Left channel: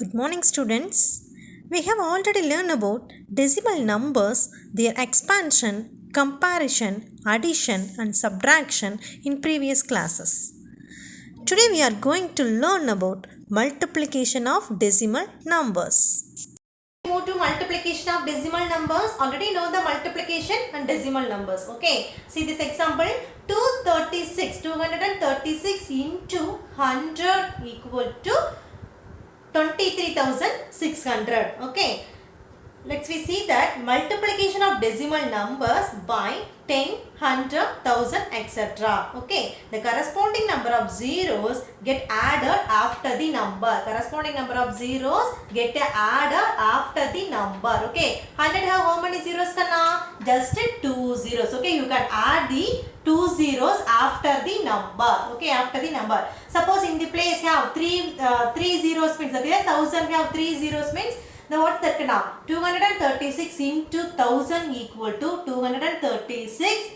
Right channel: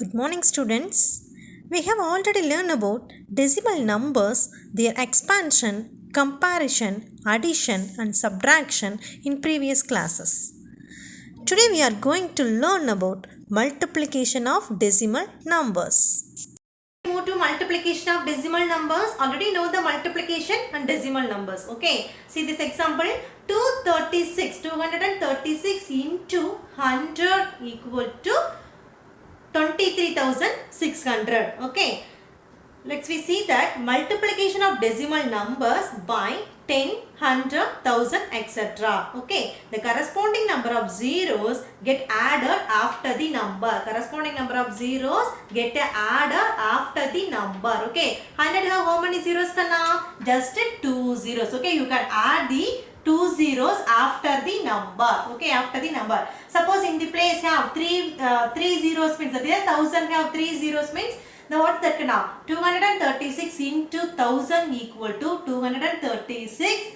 Good morning, students. We have already learned about decimal numbers, their expansion, comparison, addition, and subtraction in previous classes. Today, we are going to learn about multiplication of decimal numbers. Move to multiplication of decimal numbers. Already know the multiplication and decimal numbers. Okay. See this example. 236 into 100 equal to 23,600. Okay. Let's we see that multiplication of decimal numbers by 10, 100, 1000, etc. Okay. The corresponding number of zeros get added after the number. Corresponding number of zeros get added after the number. Okay. 100 have how many zeros kana? Just 2 zeros. Okay. You can add the 2 zeros after the number. Okay. After the number. Suppose in the place have 3 zeros means that 1000 have 3 zeros means now what's that now? 236 into 1000 equal to 236.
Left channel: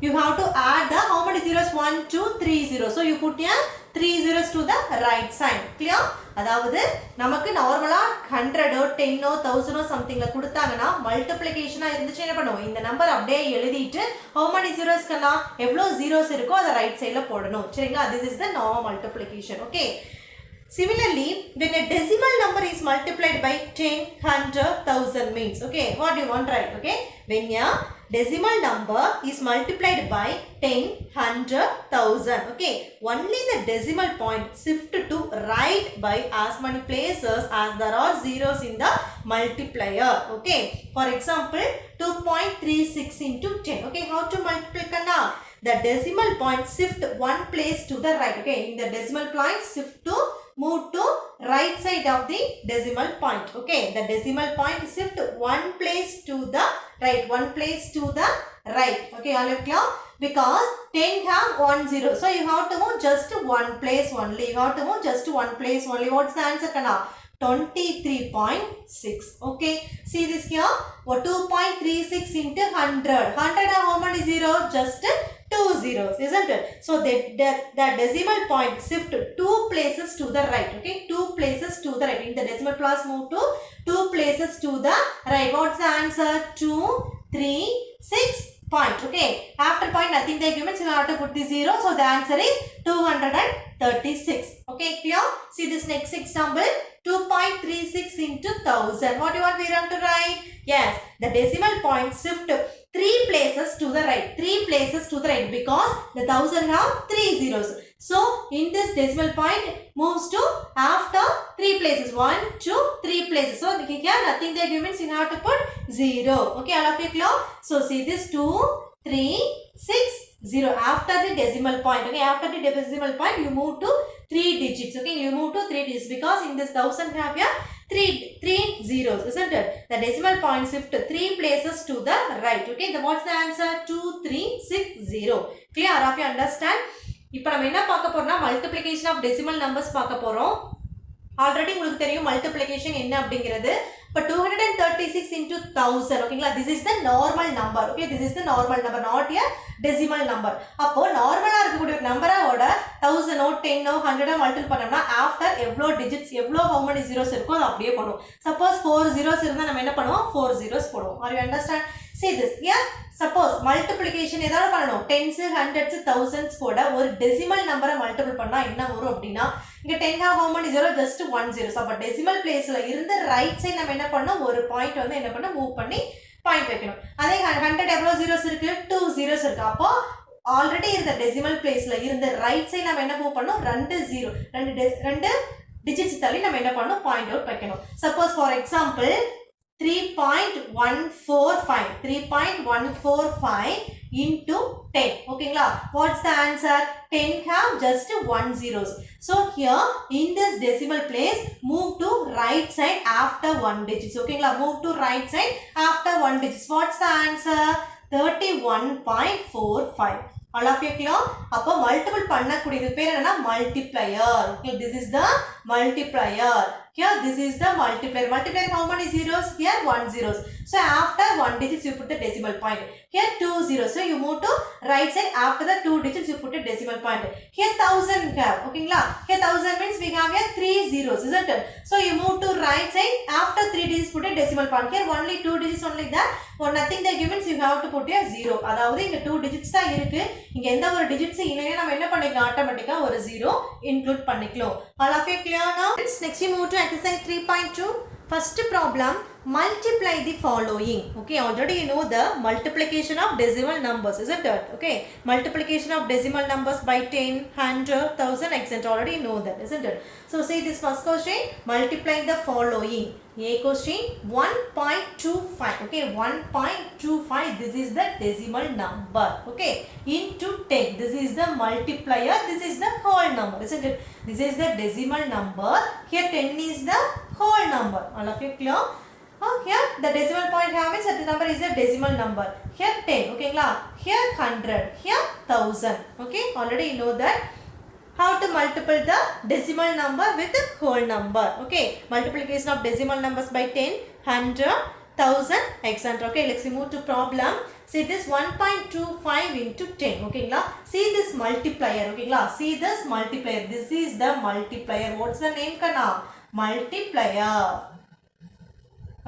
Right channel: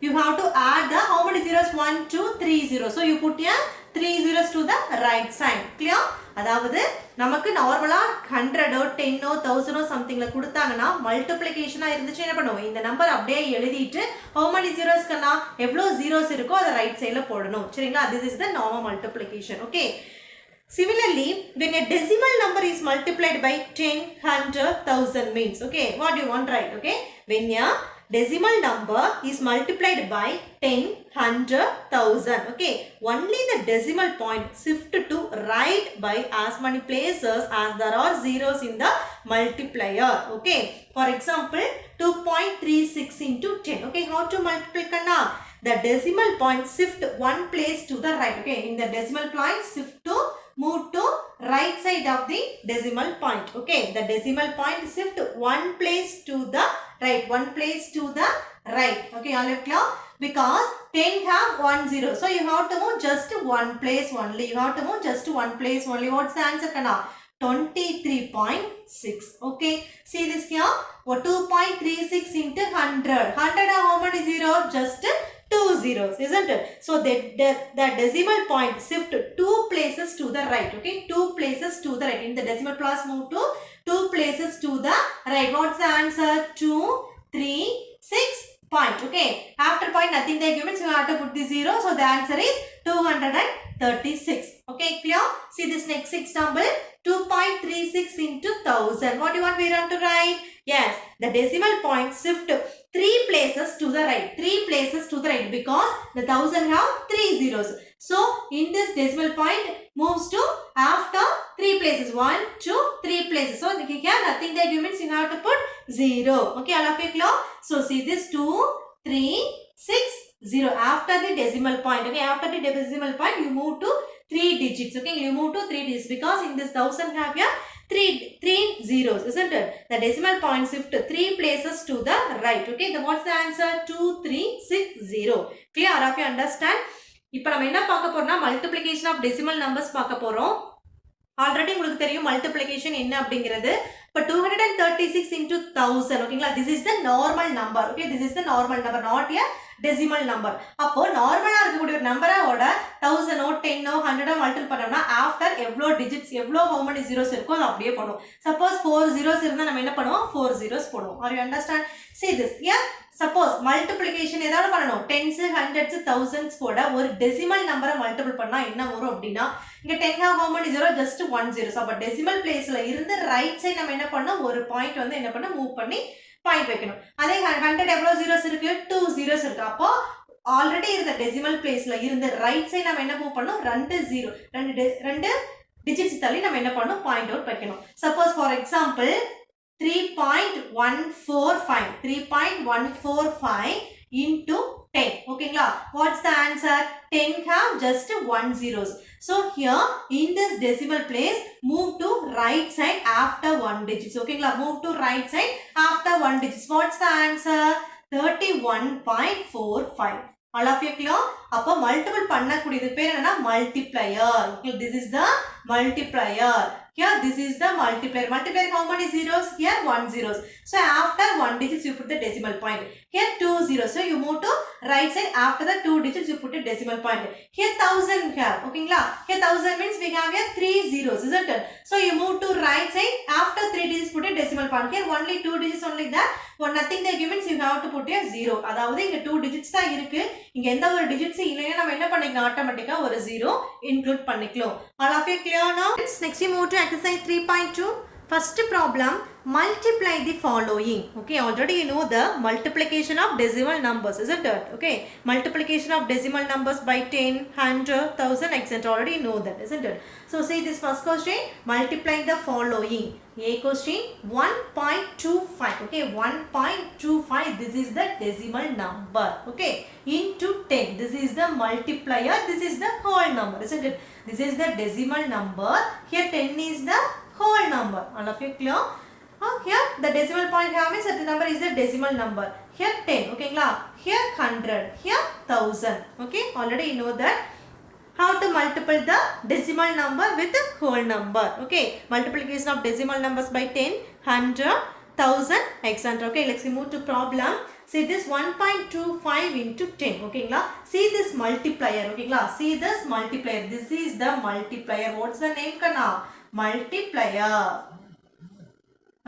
You have to add the how many zeros? 1, 2, 3 zeros. So you put here 3 zeros to the right side. Clear? அதாவது நமக்கு நார்மலா 100 10 1000 something ல கொடுத்தாங்கன்னா மல்டிப்ளிகேஷனா இருந்துச்சு என்ன பண்ணுவோம் இந்த number அப்படியே எழுதிட்டு how many zeros கண்ணா எவ்வளவு zeros இருக்கோ அத ரைட் சைடுல போடணும் சரிங்களா this is the normal multiplication okay. Similarly, when a decimal number is multiplied by 10, 100, 1000 means, okay, what do you want to write, okay? When a decimal number is multiplied by 10, 100, 1000, okay? Only the decimal point shift to right by as many places as there are zeros in the multiplier, okay? For example, 2.36 into 10, okay? How to multiply kanna? The decimal point shift one place to the right, okay? In the decimal point shift to move to right side of the decimal point. Okay, the decimal point shift one place to the right. One place to the right. Okay, all are clear? Because 10 have 1 0. So you have to move just one place only. You have to move just one place only. What's the answer? Kana? 23.6. Okay, see this here. 2.36 into 100. 100 have how many zeros? Just 2 zeros, isn't it? So the decimal point shift 2 places to the right. Okay, 2 places to the right. In the decimal place move to 2 places to the right. What's the answer? 2, 3, 6 point. Okay, after point nothing they give it, so you have to put the 0. So the answer is 236. Okay, clear? See this next example. 2.36 into 1000. What do you want we want to write? Yes, the decimal point shift 3 places to the right. 3 places to the right because the 1000 have 3 zeros. So in this decimal point moves to after 3 places. 1, 2, 3 places. So here nothing they give means you have to put 0. Okay, all of you clear? So see this 2, 3, 6, 0 after the decimal point. Okay, after the decimal point you move to 3 digits. Okay, you move to 3 digits because in this 1000 have here 3 zeros, isn't it? The decimal point shift 3 places to the right. Okay, then what's the answer? 2360. Clear? All of you understand? இப்போ நம்ம என்ன பார்க்க போறோம்னா multiplication of decimal numbers பார்க்க போறோம். Already உங்களுக்கு தெரியும் multiplication என்ன அப்படிங்கிறது. இப்போ 236 into 1000 ஓகேங்களா this is the normal number. Okay, this is the normal number, not a decimal number. அப்போ நார்மலா இருக்கக்கூடிய ஒரு நம்பரோட 1000 10 100 மல்டிபிள் பண்ணோம்னா ஆஃப்டர் எவ்வளோ டிஜிட்ஸ் எவ்வளோ how many zeros இருக்கோ அதை அப்படியே பண்ணுவோம். சப்போஸ் 4 zeros இருந்தால் நம்ம என்ன பண்ணுவோம் 4 zeros போடுவோம். Are you understand? See this here. Suppose multiplication ஏதாவது பண்ணணும் 10s 100s 1000s கூட ஒரு decimal நம்பரை மல்டிபிள் பண்ணா என்ன வரும் அப்படின்னா இங்க 10 have how many zero just 1 zero. அப்ப decimal placeல இருந்து ரைட் சைடு நம்ம என்ன பண்ணோம் ஒரு பாயிண்ட் வந்து என்ன பண்ண மூவ் பண்ணி பாயிண்ட் வைக்கணும். அதே 100 எவ்வளவு zeros இருக்கு 2 zeros இருக்கு. அப்போ ஆல்ரெடி இருந்த decimal placeல இருந்து ரைட் சைடு நம்ம என்ன மூவ் பண்ணோம் 2 டிஜிட்ஸ் தள்ளி நம்ம என்ன பண்ணோம் பாயிண்ட் அவுட் வைக்கணும். Suppose for example 3.145 into 10. Okay, what's the answer? 10 have just 1 zeros. So here in this decimal place move to right side after 1 digits. Okay, move to right side after 1 digits. What's the answer? 31.45. All of you clear? அப்போ multiple பண்ணக்கூடியது பேர் என்ன multiplier. Okay, this is the multiplier. Here this is the multiplier. Multiplier how many zeros? Here 1 zeros. So after 1 digits you put the decimal point. Here 2 zeros. So you move to right side. After the 2 digits you put a decimal point. Here 1000 we have. Okay, here 1000 means we have here 3 zeros, isn't it? So you move to right side. After 3 digits put a decimal point. Here only 2 digits only that. For nothing they given, so you have to put a 0. அதாவது இங்க 2 digits தான் இருக்கு. இங்க எந்த ஒரு digits இல்லைனா நம்ம என்ன பண்ணிக்கலாம், ஆட்டோமேட்டிக்கா ஒரு 0 include பண்ணிக்கலாம். All of you clear now? Next you move to exercise 3.2. First problem, multiply the following. Okay, already you know the multiplication of decimal numbers, isn't it? Okay, multiplication of decimal numbers by 10, 100, 1000, etc. Already you know that, isn't it? So say this first question, multiply the following. A question 1.25. Okay, 1.25. This is the decimal number. Okay, into 10. This is the multiplier. This is the whole number, isn't it? This is the decimal number. Here 10 is the whole number. All of you clear? Here the decimal point means that the number is a decimal number. Here 10. Okay, here 100. Here 1000. Okay, already you know that. How to multiply the decimal number with the whole number. Okay, multiplication of decimal numbers by 10, 100, 1000, etc. Okay, let's move to problem. See this 1.25 into 10. Okay, see this multiplier. Okay, see this multiplier. This is the multiplier. What's the name kana? Multiplier.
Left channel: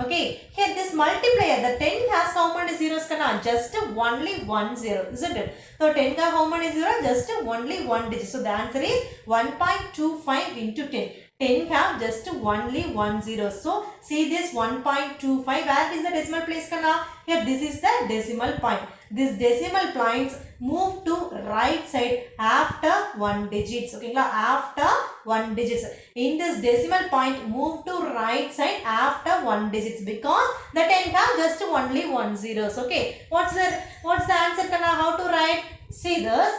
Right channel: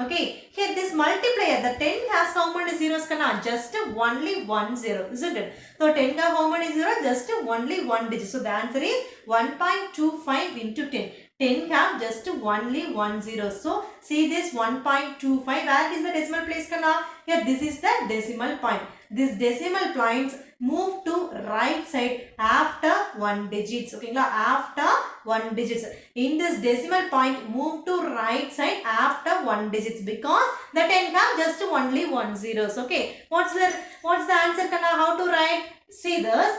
Okay, here this multiplier, the 10 has how many zeros kana? Just only 1 zero, isn't it? So 10 has how many zeros? Just only 1 digit. So the answer is 1.25 into 10. 10 have just only 1 zero. So see this 1.25. Where is the decimal place kana? Here this is the decimal point. This decimal points move to right side after 1 digits. Okay, after 1 digits. In this decimal point move to right side after 1 digits because the 10 have just only 1 zeros. Okay, what's the answer kana? How to write? See this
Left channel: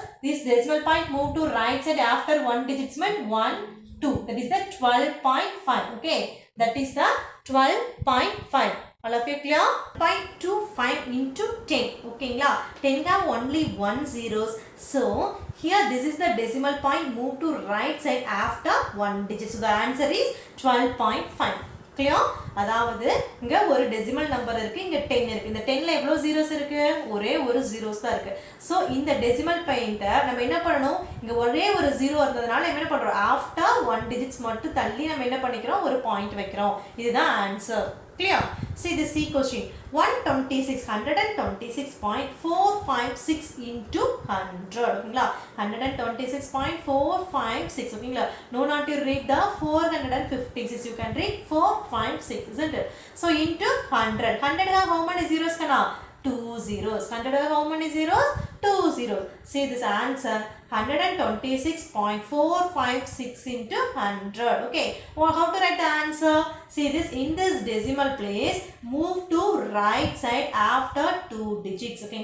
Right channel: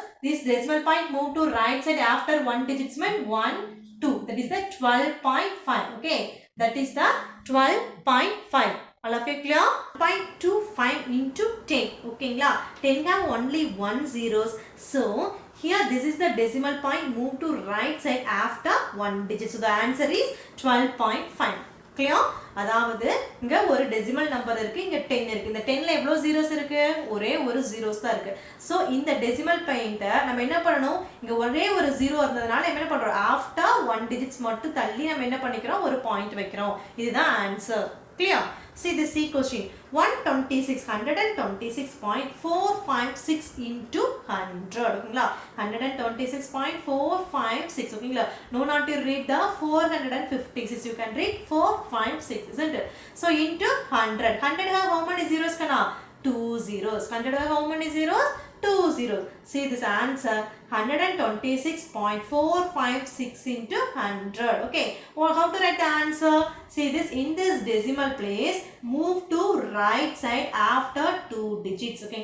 decimal point move to right side after 1 digits mean 1 2. That is the 12.5. Okay, that is the 12.5. All of you clear? 0.25 into 10. Okay, 10 have only 1 zeros. So here this is the decimal point move to right side after 1 digit. So the answer is 12.5. Clear? அதாவது இங்க ஒரு decimal number இருக்கு, இங்க 10 இருக்கு. இந்த 10ல எவ்வளவு zeros இருக்கு? ஒரே ஒரு zeros தான் இருக்கு. சோ இந்த டெசிமல் பாயிண்ட நம்ம என்ன பண்ணனும்? இங்க ஒரே ஒரு 0 இருந்ததனால என்ன பண்றோம்? ஆஃப்டர் 1 digits மட்டும் தள்ளி நம்ம என்ன பண்ணிக்கிறோம்? ஒரு பாயிண்ட் வைக்கிறோம். இதுதான் answer. Clear? See the C question. 126.456 into 100. Okay, 126.456. Okay, no not to read the 456. You can read 456, isn't it? So into 100. 100 have how many zeros kana? 2 zeros. 100 have how many zeros? 2 zeros. See this answer. 126.456 into 100. Okay. Well, how to write the answer? See this in this decimal place. Move to right side after 2 digits. Okay.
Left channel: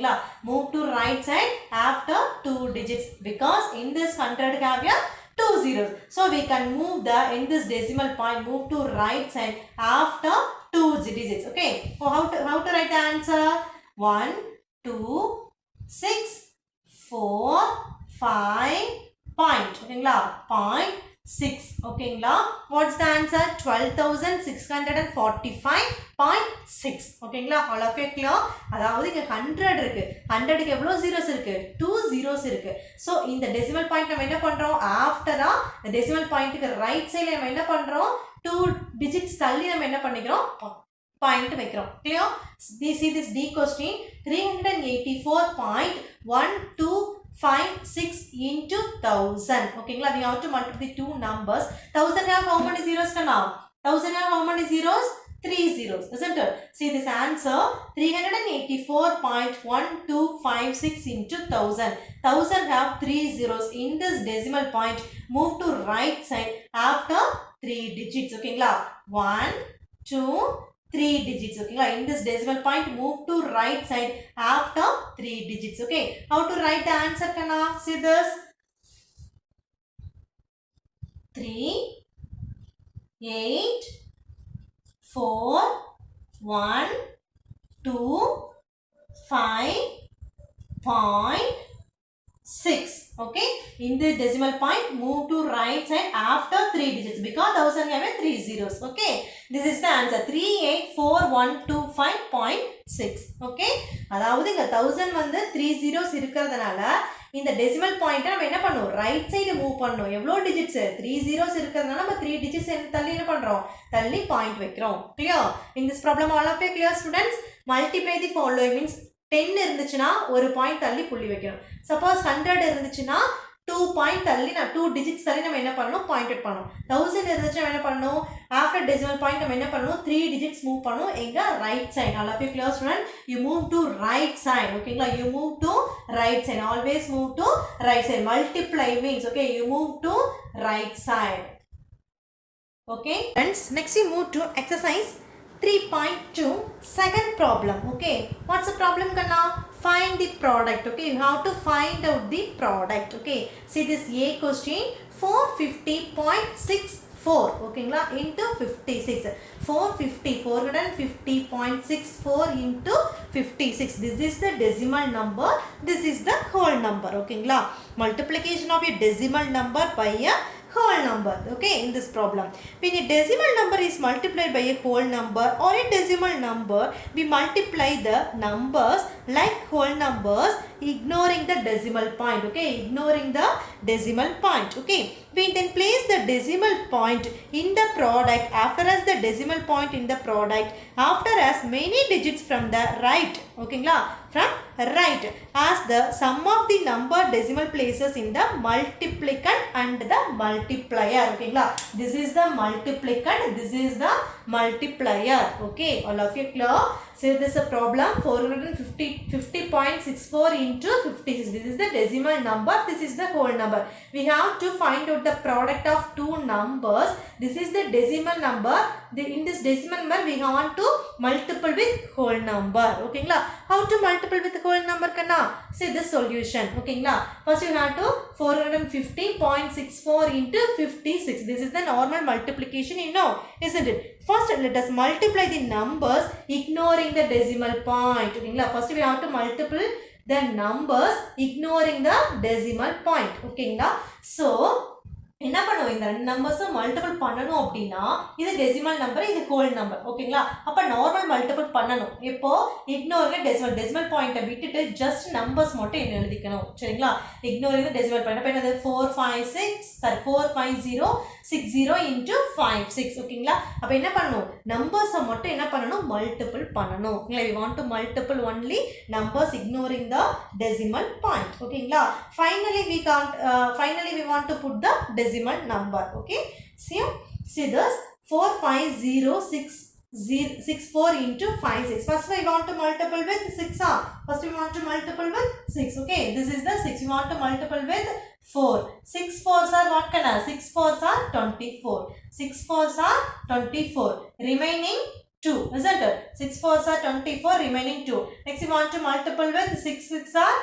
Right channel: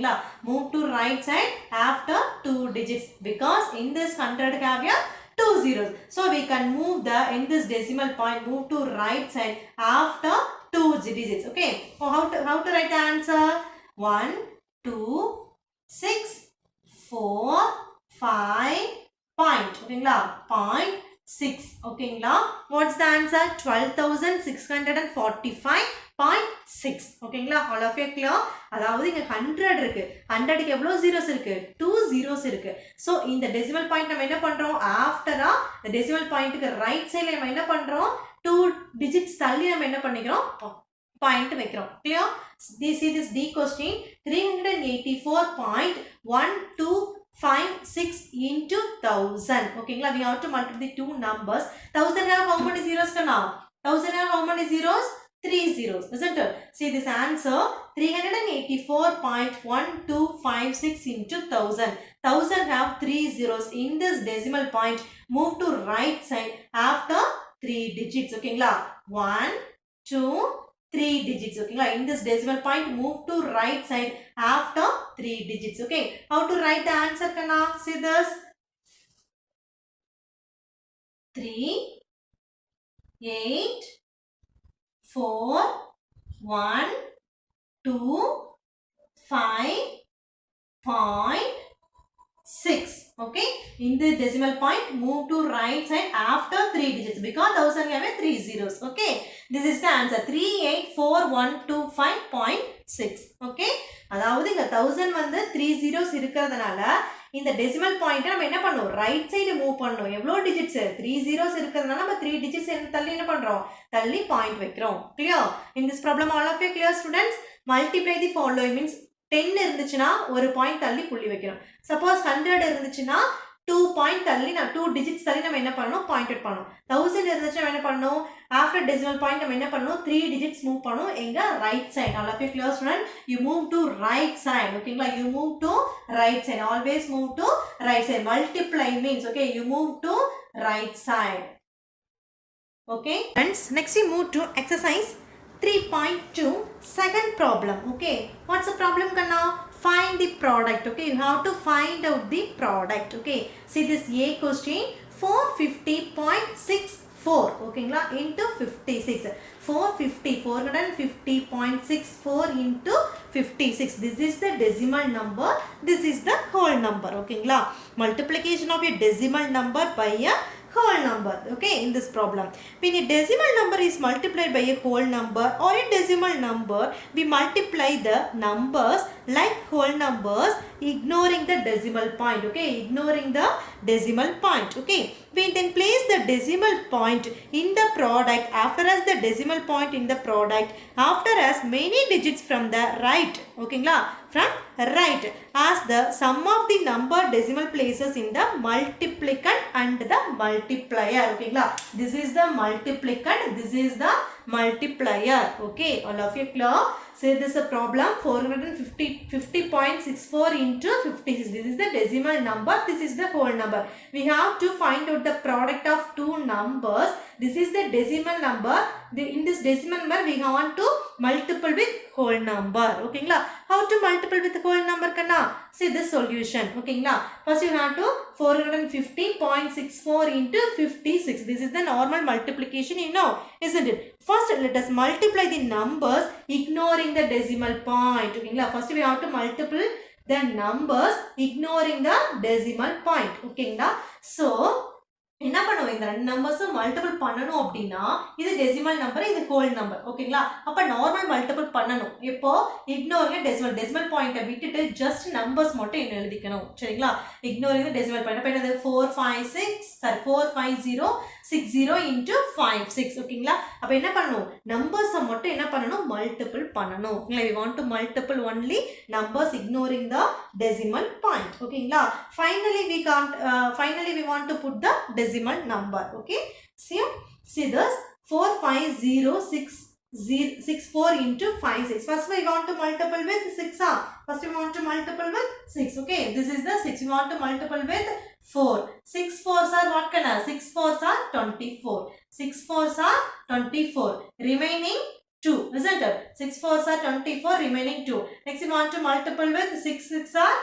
Move to right side after 2 digits because in this 100 have here 2 zeros. So we can move the in this decimal point move to right side after 2 digits. Okay. So how to write the answer? 1 2 6 4 5 point. Okay, point 6. Okay, what's the answer? 12,645.6. Okay, all of you clear? அதாவது இங்க 100 இருக்கு. 100 க்கு எவ்வளவு zeros இருக்கு? 2 zeros இருக்கு. So இந்த decimal point நம்ம என்ன பண்றோம்? After the decimal point க்கு right side நம்ம என்ன பண்றோம்? 2 digits தள்ளி நம்ம என்ன பண்ணிக்கிறோம்? Point வைக்கிறோம். Clear? See this D question. 384.125 into 1000. Okay, we have to multiply the two numbers. 1000 have how many zeros now? 1000 have how many zeros? 3 zeros, isn't it? See this answer. 384.1256 into 1000. 1000 have 3 zeros. In this decimal point, move to right side after 3 digits. Okay, 1 2 3 digits. Okay, in this decimal point move to right side after 3 digits. Okay, how to write the answer kana? See this 3 8 4 1 2 5 point 6. Okay, in the decimal point move to right side after 3 digits because 1000 have 3 zeros. Okay, this is the answer 384125.6. Okay, அதாவது இங்க 1000 வந்து 3 zeros இருக்கிறதுனால இந்த decimal பாயிண்ட்டை நம்ம என்ன பண்ணுவோம், right side move பண்ணணும். எவ்வளோ டிஜிட்ஸ் 3 zeros இருக்கிறதுனால நம்ம 3 digits தள்ளி என்ன பண்ணுறோம், தள்ளி பாயிண்ட் வைக்கிறோம். Clear? In this problem all of you clear students? Multiply the following means 10 இருந்துச்சுன்னா ஒரு பாயிண்ட் தள்ளி புள்ளி வைக்கணும். சப்போஸ் 100 இருந்துச்சுன்னா 2 பாயிண்ட் தள்ளி 2 டிஜிட்ஸ் தள்ளி நம்ம என்ன பண்ணணும், பாயிண்ட் அவுட் பண்ணணும். 1000 இருந்துச்சுன்னா என்ன பண்ணணும், ஆஃப்டர் டெசிமல் பாயிண்ட் நம்ம என்ன பண்ணணும், 3 டிஜிட்ஸ் மூவ் பண்ணணும். எங்க right side. All of you clear student? You move to right side. ஓகேங்களா? You move to right side. Always move to right side. Multiply means okay, you move to right side. Okay friends, next we move to exercise 3.2 second problem. Okay, what's the problem Kanna? Find the product. Okay, you have to find out the product. Okay, see this A question 450.64 okay into 56. 450.64 into 56. This is the decimal number, this is the whole number. Okay, multiplication of a decimal number by a whole number. Okay, in this problem when a decimal number is multiplied by a whole number or a decimal number, we multiply the numbers like whole numbers ignoring the decimal point. Okay, ignoring the decimal point. Okay, we then place the decimal point in the product after as the decimal point in the product after as many digits from the right. Okay, from right as the sum of the number decimal places in the multiplicand and the multiplier. Okay, this is the multiplicand, this is the multiplier. Okay, all of you clear? So this is a problem 450.64 into 56. This is the decimal number, this is the whole number. We have to find out the product of two numbers. This is the decimal number. In this decimal number we want to multiple with whole number. Okay, how to multiple with whole number Kanna? See the solution. Okay, first you have to 450.64 into 56. This is the normal multiplication, you know, isn't it? First let us multiply the numbers ignoring the decimal point. Okay, first we have to multiply the numbers ignoring the decimal point. Okay, so என்ன பண்ணுவோம், இந்த ரெண்டு நம்பர்ஸும் multiple பண்ணணும் அப்படின்னா இது decimal number, இது whole number. ஓகேங்களா? அப்போ நார்மல் மல்டிபிள் பண்ணணும். இப்போ இக்னோரிங் டெசிமல் பாயிண்ட்டை விட்டுட்டு ஜஸ்ட் நம்பர்ஸ் மட்டும் என்ன எழுதிக்கணும். சரிங்களா? Ignoring decimal point. அப்போ என்னது 45060 into 56. ஓகேங்களா? அப்போ என்ன பண்ணணும், நம்பர்ஸை மட்டும் என்ன பண்ணணும், மல்டிபிள் பண்ணணும். we want to multiple only numbers ignoring the decimal point. ஓகேங்களா? finally we want to put the decimal number. Okay, see this 45064 into 56. First we want to multiple with 6. First we want to multiple with 6. Okay, this is the 6. We want to multiple with 4. 6 4s are what kind of? 6 4s are 24. 6 4s are 24. Remaining 2, isn't it? 6 4s are 24. Remaining 2. Next we want to multiple with 6 6 are.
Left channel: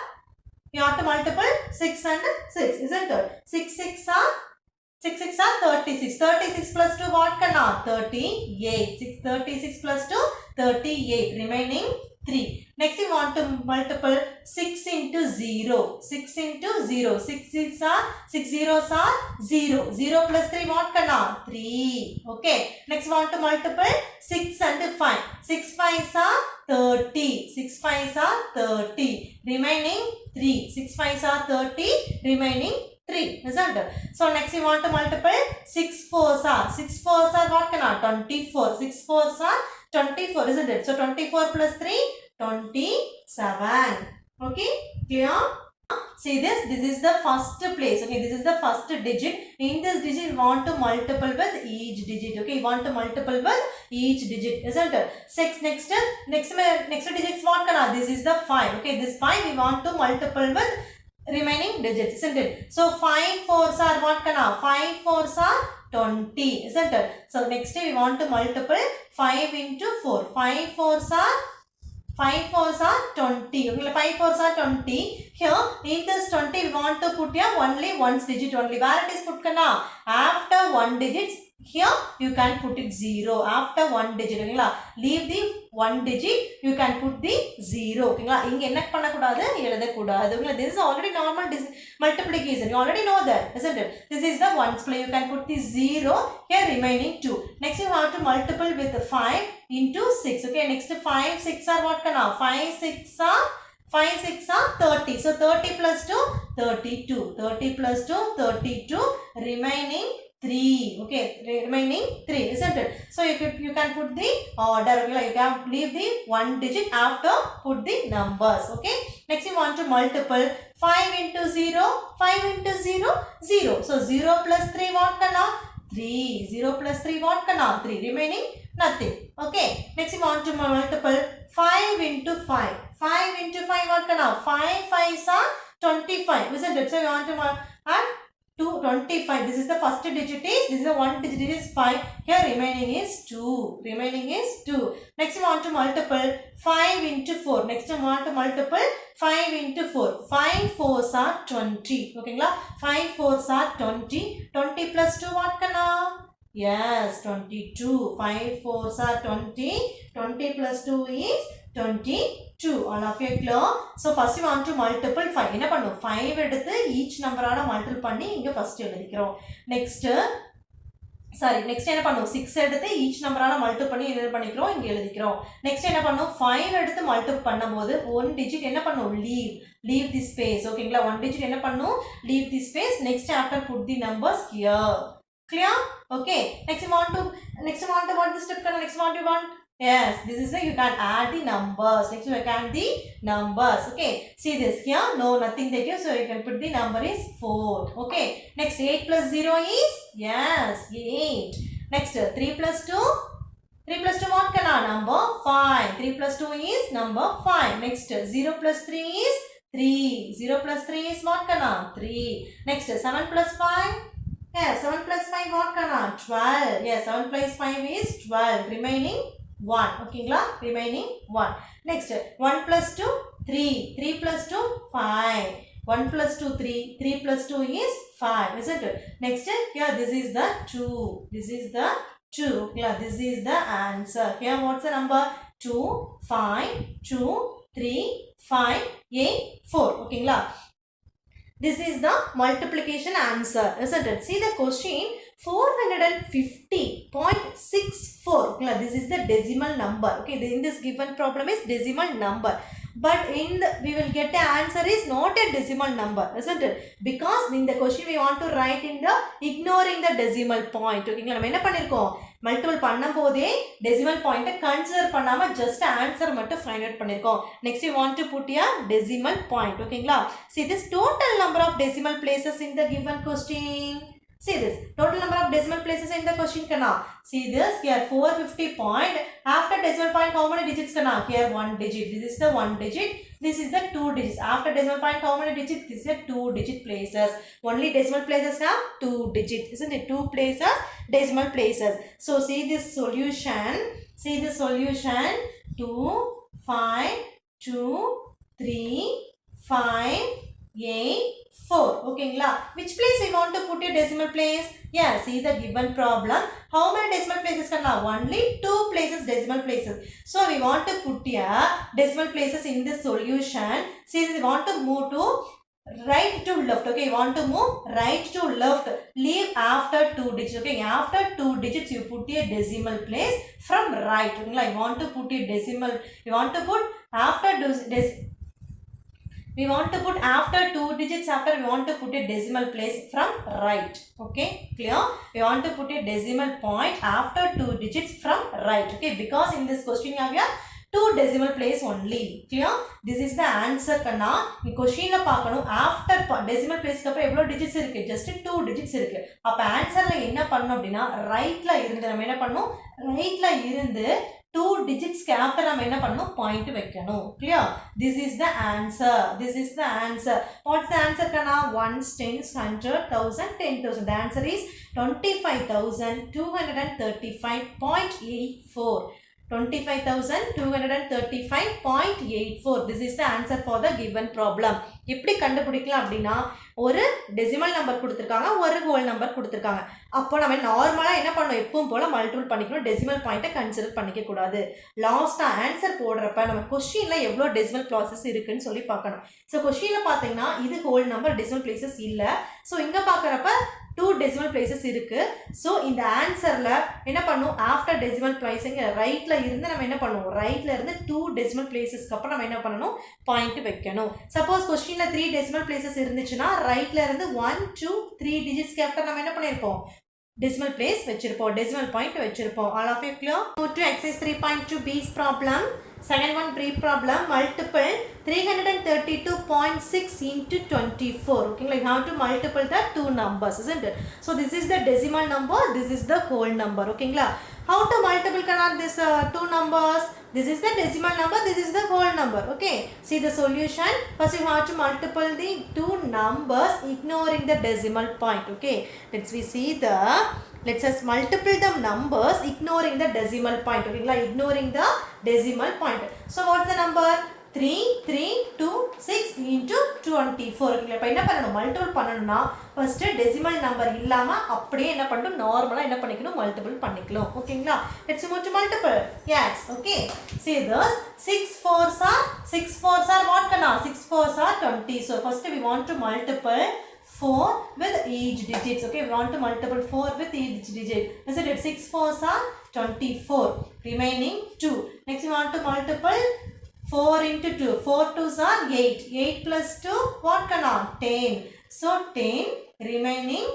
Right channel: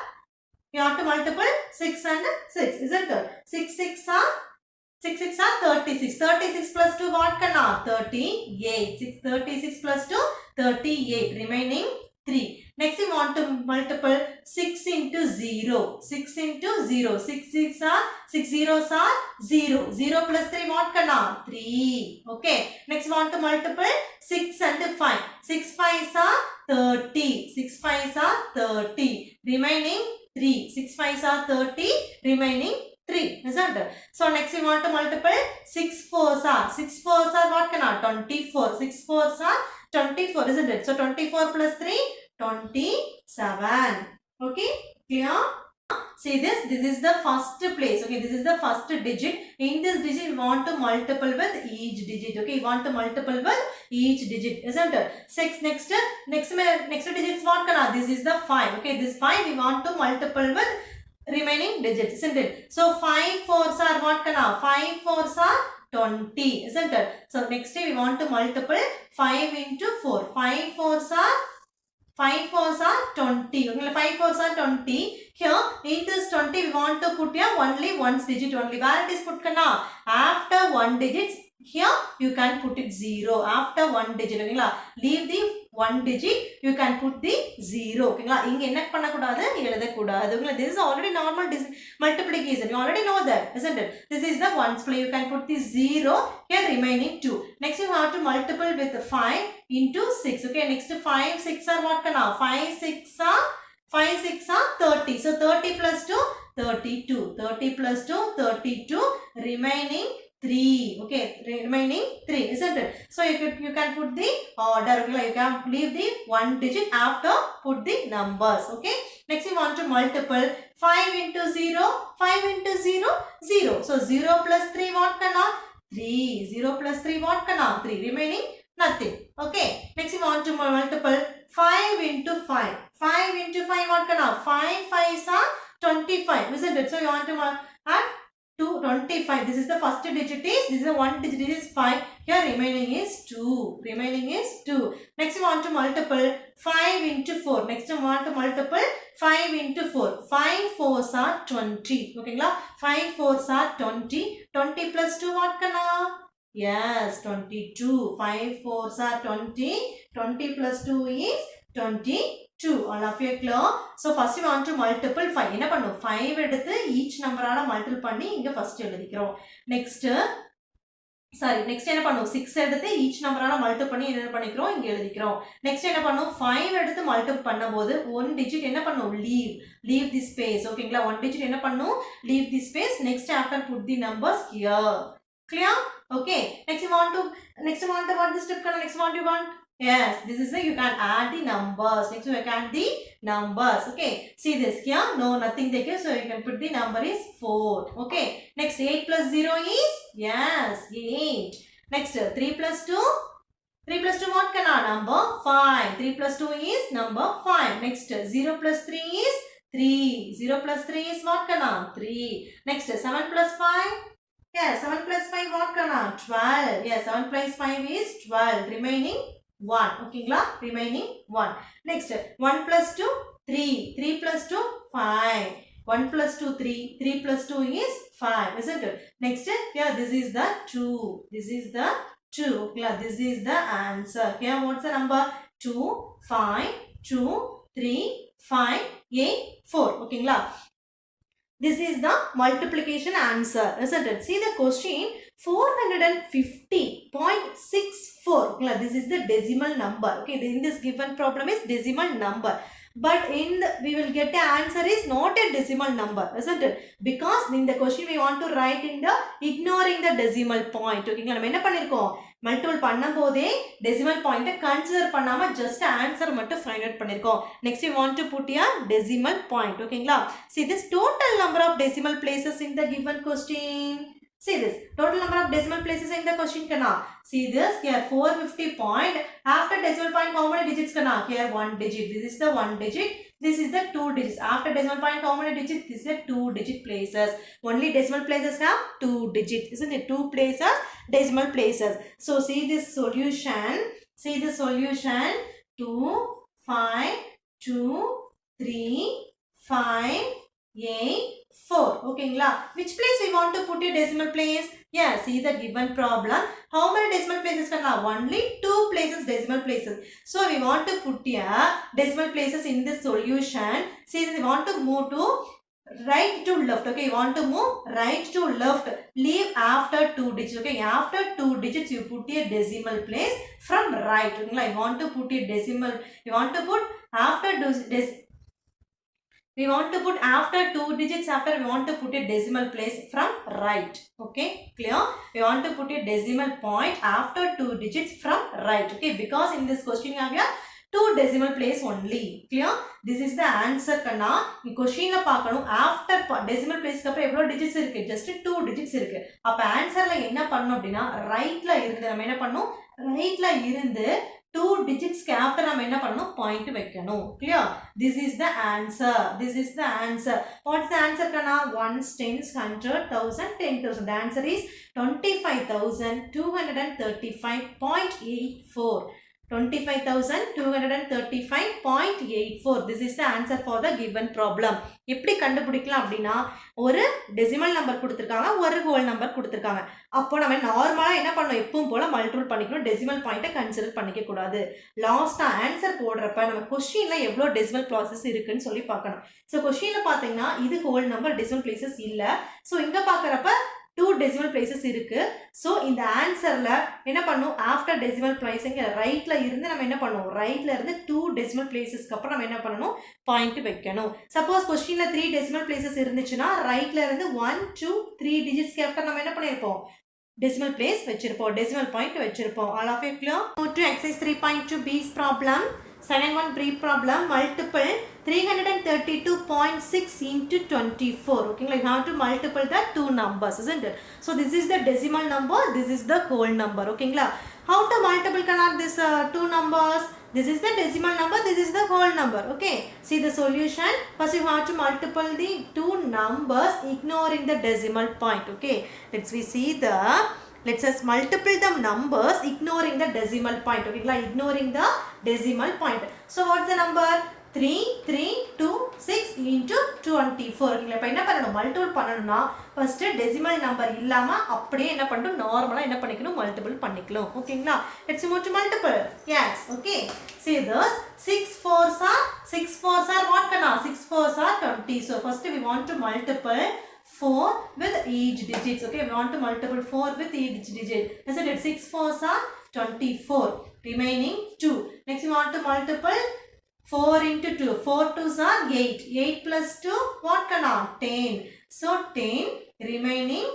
You have to multiple 6 and 6, isn't it? 6 6 are 36. 36 plus 2 what Kanna? 38. 36 plus 2 38. Remaining 3. Next we want to multiple 6 into 0. 6 into 0. 6 zeros are 0. 0 plus 3 what Kanna? 3. Okay. Next we want to multiple 6 and 5. 6 5s are 30. 6 5s are 30. Remaining 3. 6 5s are 30. Remaining 3, isn't it? So next we want to multiple 6 4s are. 6 4s are what Kanna? 24. 6 4s are 24, isn't it? So 24 plus 3, 27. Okay, clear? See this is the first place. Okay, this is the first digit. In this digit we want to multiple with each digit. Okay, you want to multiple with each digit, isn't it? 6 next digit is what Kanna? This is the 5. Okay, this 5 we want to multiple with remaining digits, isn't it? So 5 4s are what Kanna? 5 4s are 20, isn't it? So next we want to multiple 5 into 4. 5 4s are 20. Okay, 5 4s are 20. Here in this 20 we want to put here only one digit only. Where it is put Kanna? After one digits here you can put it 0 after one digit. ஓகேங்களா, leave the one digit, you can put the 0. ஓகேங்களா, இங்க என்ன பண்ணக்கூடாது, எழுதக்கூடாது. This is already normal multiplication, you already know that, isn't it? This is the ones place, you can put the 0 here, remaining 2. Next you have to multiple with 5 into 6. Okay, next 5 6 are what kana, 5 6 are 30. So 30 plus 2 32, 30 plus 2 32, remaining 3. Okay, remaining 3, isn't it? So you can put the order. Okay, you can leave the one digit after, put the numbers. Okay, next you want to multiple 5 into 0, 5 into 0 0. So 0 plus 3 what kana, 3. 0 plus 3 what kana, 3, remaining nothing. Okay, next you want to multiple 5 into 5, 5 into 5 what kana, 5 5s are 25, isn't it? So you want to add 25. This is the first digit is, this is the one digit is 5. Here remaining is 2. Remaining is 2. Next you want to multiple 5 into 4. Next you want to multiple 5 into 4. 5 4s are 20. Okay, 5 4s are 20. 20 plus 2 what kana? Yes, 22. 5 4s are 20. 20 plus 2 is 22. All of you clear? So first you want to multiple 5. என்ன பண்ணும், 5 எடுத்து each number ஆல multiple பண்ணி இங்க first எழுதிக்கிறோம். next என்ன பண்ணும், 6 எடுத்து each number ஆல multiple பண்ணி என்ன பண்ணிக்கிறோம், இங்க எழுதிக்கிறோம். next என்ன பண்ணும், 5 எடுத்து multiple பண்ணும்போது one digit என்ன பண்ணும், leave the space. ஓகேங்களா, one digit என்ன பண்ணும், leave the space. next after put the numbers here. Clear? Okay, next you want to what this step kana, next what you want. Yes, this is a, you can add the numbers. Next you can add the numbers. Okay, see this here, no nothing there, so you can put the number is 4. Okay, next 8 plus 0 is, yes, 8. Next 3 plus 2 what kana, number 5. 3 plus 2 is number 5. Next 0 plus 3 is 3. 0 plus 3 is what kana, 3. Next 7 plus 5, yes, 7 plus 5 what kana, 12. Yes, 7 plus 5 is 12, remaining 1. Okay, remaining 1. Next 1 plus 2 3. 3 plus 2 5. 1 plus 2 3. 3 plus 2 is 5, isn't it? Next here, this is the 2. This is the 2. Okay, this is the answer. Here what's the number, 2 5 2 3 5 8 4. Okay, this is the multiplication answer, isn't it? See the question, 450.64. This is the decimal number. Okay, in this given problem is decimal number, but in the, we will get the answer is not a decimal number, isn't it? Because in the question we want to write in the ignoring the decimal point. Okay, நம்ம என்ன பண்ணிருக்கோம், multiple பண்ணும்போதே decimal point consider பண்ணாம just answer மட்டும் find out பண்ணிருக்கோம். next you want to put a decimal point. ஓகேங்களா, see this total number of decimal places in the given question. See this total number of decimal places in the question kana. See this here, 450 point, after decimal point how many digits kana, here one digit. This is the one digit, this is the two digits. After decimal point how many digits, this is the two digit places. Only decimal places have two digits, isn't it? Two places, decimal places. So see this solution, 2 5 2 3 5 8 4. Okay, which place we want to put a decimal place? Yeah, see the given problem, how many decimal places kana, only two places decimal places. So we want to put a decimal places in the solution. See, we want to move to right to left. Okay, you want to move right to left, leave after two digits. Okay, after two digits you put a decimal place from right. Okay, you want to put a decimal, you want to put after we want to put after two digits, after we want to put a decimal place from right. Okay, clear? We want to put a decimal point after two digits from right. Okay, because in this question you have here two decimal place only. Clear? This is the answer kana. In question la paakanum, after decimal place ku apra evlo digits irukku, just two digits irukku. அப்ப answerல என்ன பண்ணனும் அப்படினா, rightல இருந்து நம்ம என்ன பண்ணனும், rightல இருந்து two digits க்கு after நம்ம என்ன பண்ணனும், point வைக்கணும். Clear? This is the answer. This is the answer. What's the answer kana? 1s, 10s, 100, 1000, 10,000. The answer is 25,235.84. 25,235.84. This is the answer for the given problem. எப்படி கண்டுபிடிக்கலாம் அப்படின்னா ஒரு டெசிமல் நம்பர் கொடுத்துருக்காங்க, ஒரு ஹோல் நம்பர் கொடுத்துருக்காங்க. அப்போ நம்ம நார்மலாக என்ன பண்ணணும், எப்பவும் போல் மல்டிபிள் பண்ணிக்கணும், டெசிமல் பாயிண்ட்டை கன்சிடர் பண்ணிக்க கூடாது. லாஸ்ட்டாக ஆன்சர் போடுறப்ப நம்ம கொஸ்டினில் எவ்வளோ டெசிமல் ப்ளாசஸ் இருக்குன்னு சொல்லி பார்க்கணும். ஸோ கொஸ்டினில் பார்த்தீங்கன்னா இது ஹோல் நம்பர், டெசிமல் பிளேசஸ் இல்லை. ஸோ இங்கே பார்க்குறப்ப 2 decimal places இருக்கு. ஸோ இந்த ஆன்சரில் என்ன பண்ணும், ஆஃப்டர் டெசிமல் பிளேஸுங்க ரைட்டில் இருந்து நம்ம என்ன பண்ணுவோம், ரைட்டில் இருந்து 2 decimal placesக்கு அப்புறம் நம்ம என்ன பண்ணணும், பாயிண்ட் வைக்கணும். சப்போஸ் கொஸ்டினில் 3 decimal places இருந்துச்சுன்னா ரைட்டில் இருந்து 1, 2, 3 டிஜிட்ஸ்க்கு அப்புறம் நம்ம என்ன பண்ணியிருப்போம், decimal place வச்சிருப்போம், decimal point வச்சிருப்போம். All of you clear? Move to exercise 3.2 B's problem. Second one brief problem, multiple 332.6 into 24. Okay, like how to multiple the two numbers, isn't it? So this is the decimal number, this is the whole number. Okay, how to multiple cannot this two numbers? This is the decimal number, this is the whole number. Okay, see the solution. First you have to multiple the two numbers ignoring the decimal point. Okay, let's us multiple the numbers ignoring the decimal point. Okay, ignoring the decimal point. So what's the number? 3326 into 24. Okay, இப்போ என்ன பண்ணணும், multiple பண்ணணும்னா first decimal number இல்லாம அப்படியே என்ன பண்ணணும், நார்மலா என்ன பண்ணிக்கணும், மல்டிபிள் பண்ணிக்கலாம். ஓகேங்களா, let's move to multiple. Yes, okay. See this 6 4s are what kana, 6 4s are 20. So first we want to multiple 4 with each digits. Okay, we want to multiple 4 with each digit. Isn't it? 6 4s are 24, remaining 2. Next we want to multiple 4 into 2. 4 2s are 8. 8 plus 2, what kana? 10. So 10, remaining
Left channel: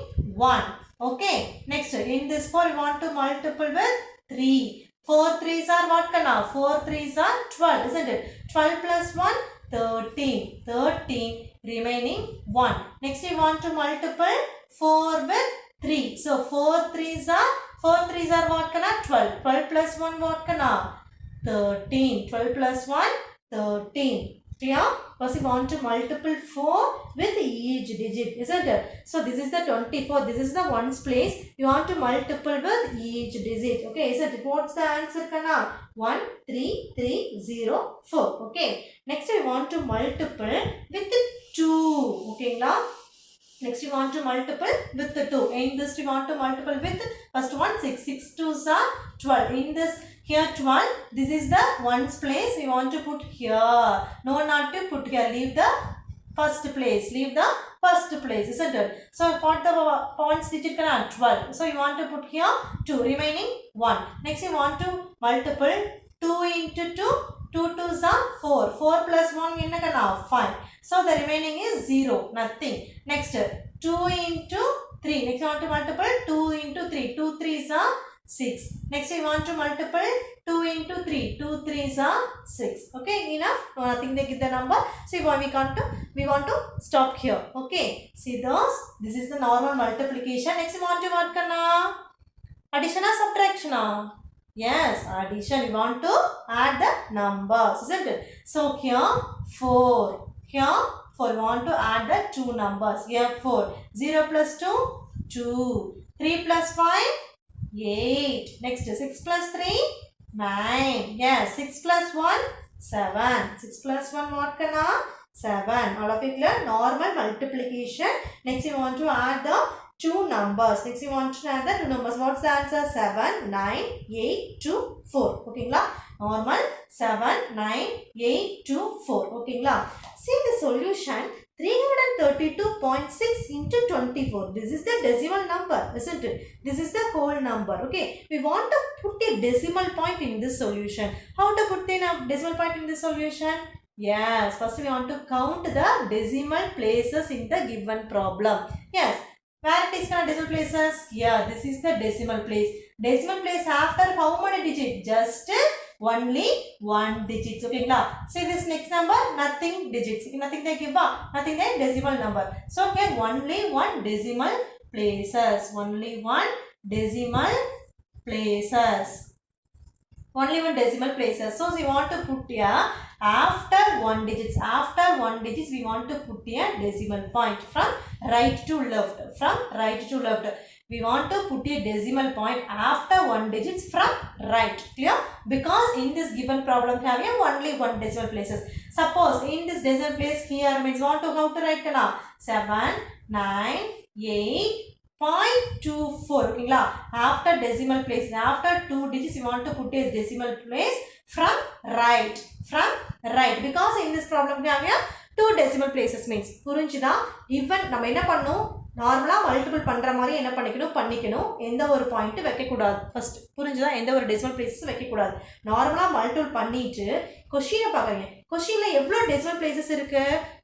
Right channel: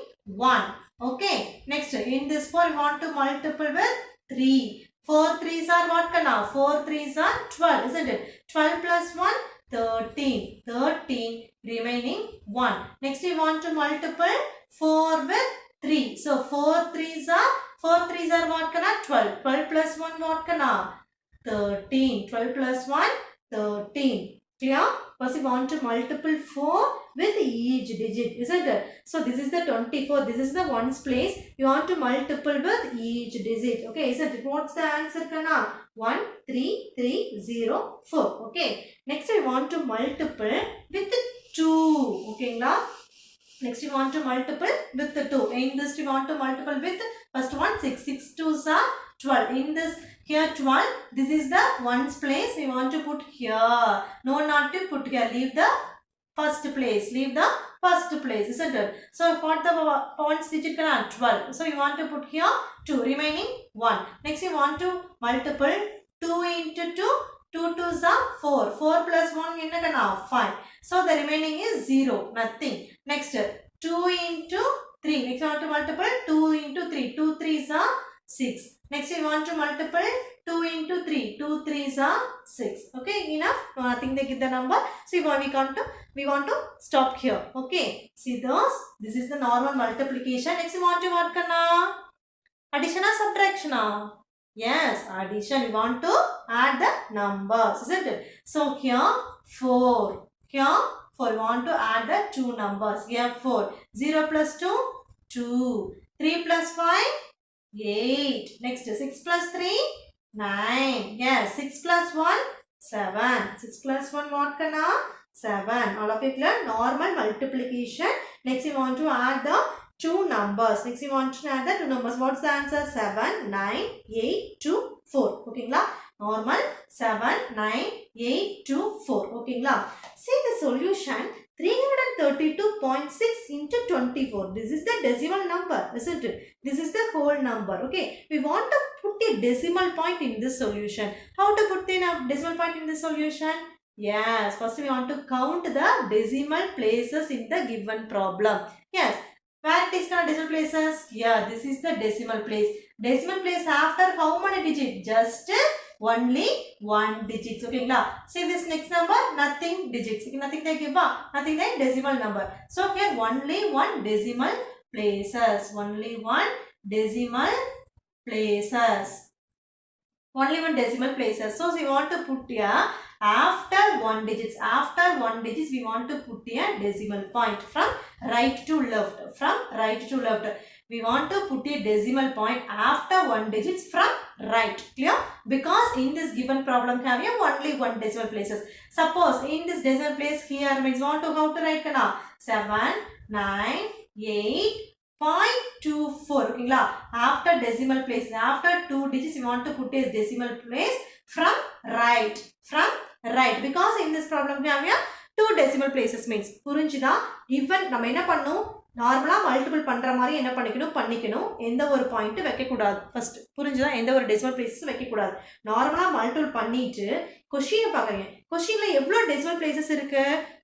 1. Okay, next in this 4 we want to multiple with 3. 4 3s are what kana? 4 3s are 12, isn't it? 12 plus 1, 13. 13, remaining 1. Next we want to multiple 4 with 3. So 4 3s are what kana? 12. 12 plus 1 what kana? 13. 12 plus 1, 13. Clear? First we want to multiple 4 with each digit, isn't it? So this is the 24. This is the ones place. You want to multiple with each digit. Okay, isn't it? What's the answer kana? 1 3 3 0 4. Okay. Next we want to multiple with 2. Okay, now next we want to multiple with the 2. In this we want to multiple with first one 6. 6 2s are 12. In this here 12. This is the ones place. We want to put here. No, not to put here. Leave the first place. Leave the first place, isn't it? So what the points digit kana? 12. So you want to put here 2. Remaining 1. Next you want to multiple 2 into 2. 2 2s are 4. 4 plus 1 enna kana? 5. So the remaining is 0. Nothing. Next 2 into 3. Next you want to multiple 2 into 3. 2 3s are 6. Next we want to multiple 2 into 3. 2 3s are 6. Okay, enough? No, nothing they give the number. See why we want to stop here. Okay, see those. This is the normal multiplication. Next we want to what kana? Addition or subtraction? Yes, addition. We want to add the numbers, isn't it? So here 4. Here 4. We want to add the two numbers. Here 4. 0 plus 2, 2. 3 plus 5, 8. Next 6 plus 3, 9. Yes, 6 plus 1, 7. 6 plus 1 what kana? 7. All of it clear? Normal multiplication. Next we want to add the two numbers. Next we want to add the two numbers. What's the answer? 7, 9, 8, 2, 4. Okay, normal 7, 9, 8, 2, 4. Okay, see the solution. 332.6 into 24. This is the decimal number, isn't it? This is the whole number. Okay, we want to put a decimal point in this solution. How to put in a decimal point in this solution? Yes, first we want to count the decimal places in the given problem. Yes, where it is called decimal places? Yeah, this is the decimal place. Decimal place after how many digits? Just only 1 digits. Okay, now see this next number, nothing digits. Nothing they give up, nothing they decimal number. So here only 1 decimal places. Only 1 decimal places. Only 1 decimal places. So we want to put here after 1 digits. After 1 digits we want to put here decimal point from right to left. From right to left. We want to put a decimal point after 1 digits from right. Clear? Because in this given problem have only one decimal places. Suppose in this decimal place here means want to how to write kana 7 9 8.24. Okay, after decimal place, after 2 digits you want to put a decimal place from right. Because in this problem we have here 2 decimal places means புரிஞ்சுதா? even நம்ம என்ன பண்ணனும் நார்மலா multiple பண்ற மாதிரி என்ன பண்ணிக்கணும் எந்த ஒரு பாயிண்ட் வைக்க கூடாது ஃபர்ஸ்ட் புரிஞ்சுதா? எந்த ஒரு டெசிமல் பிளேसेस வைக்க கூடாது. நார்மலா மல்டிபிள் பண்ணிட்டு क्वेश्चन பாருங்க. क्वेश्चनல எவ்வளவு டெசிமல் பிளேसेस இருக்கு?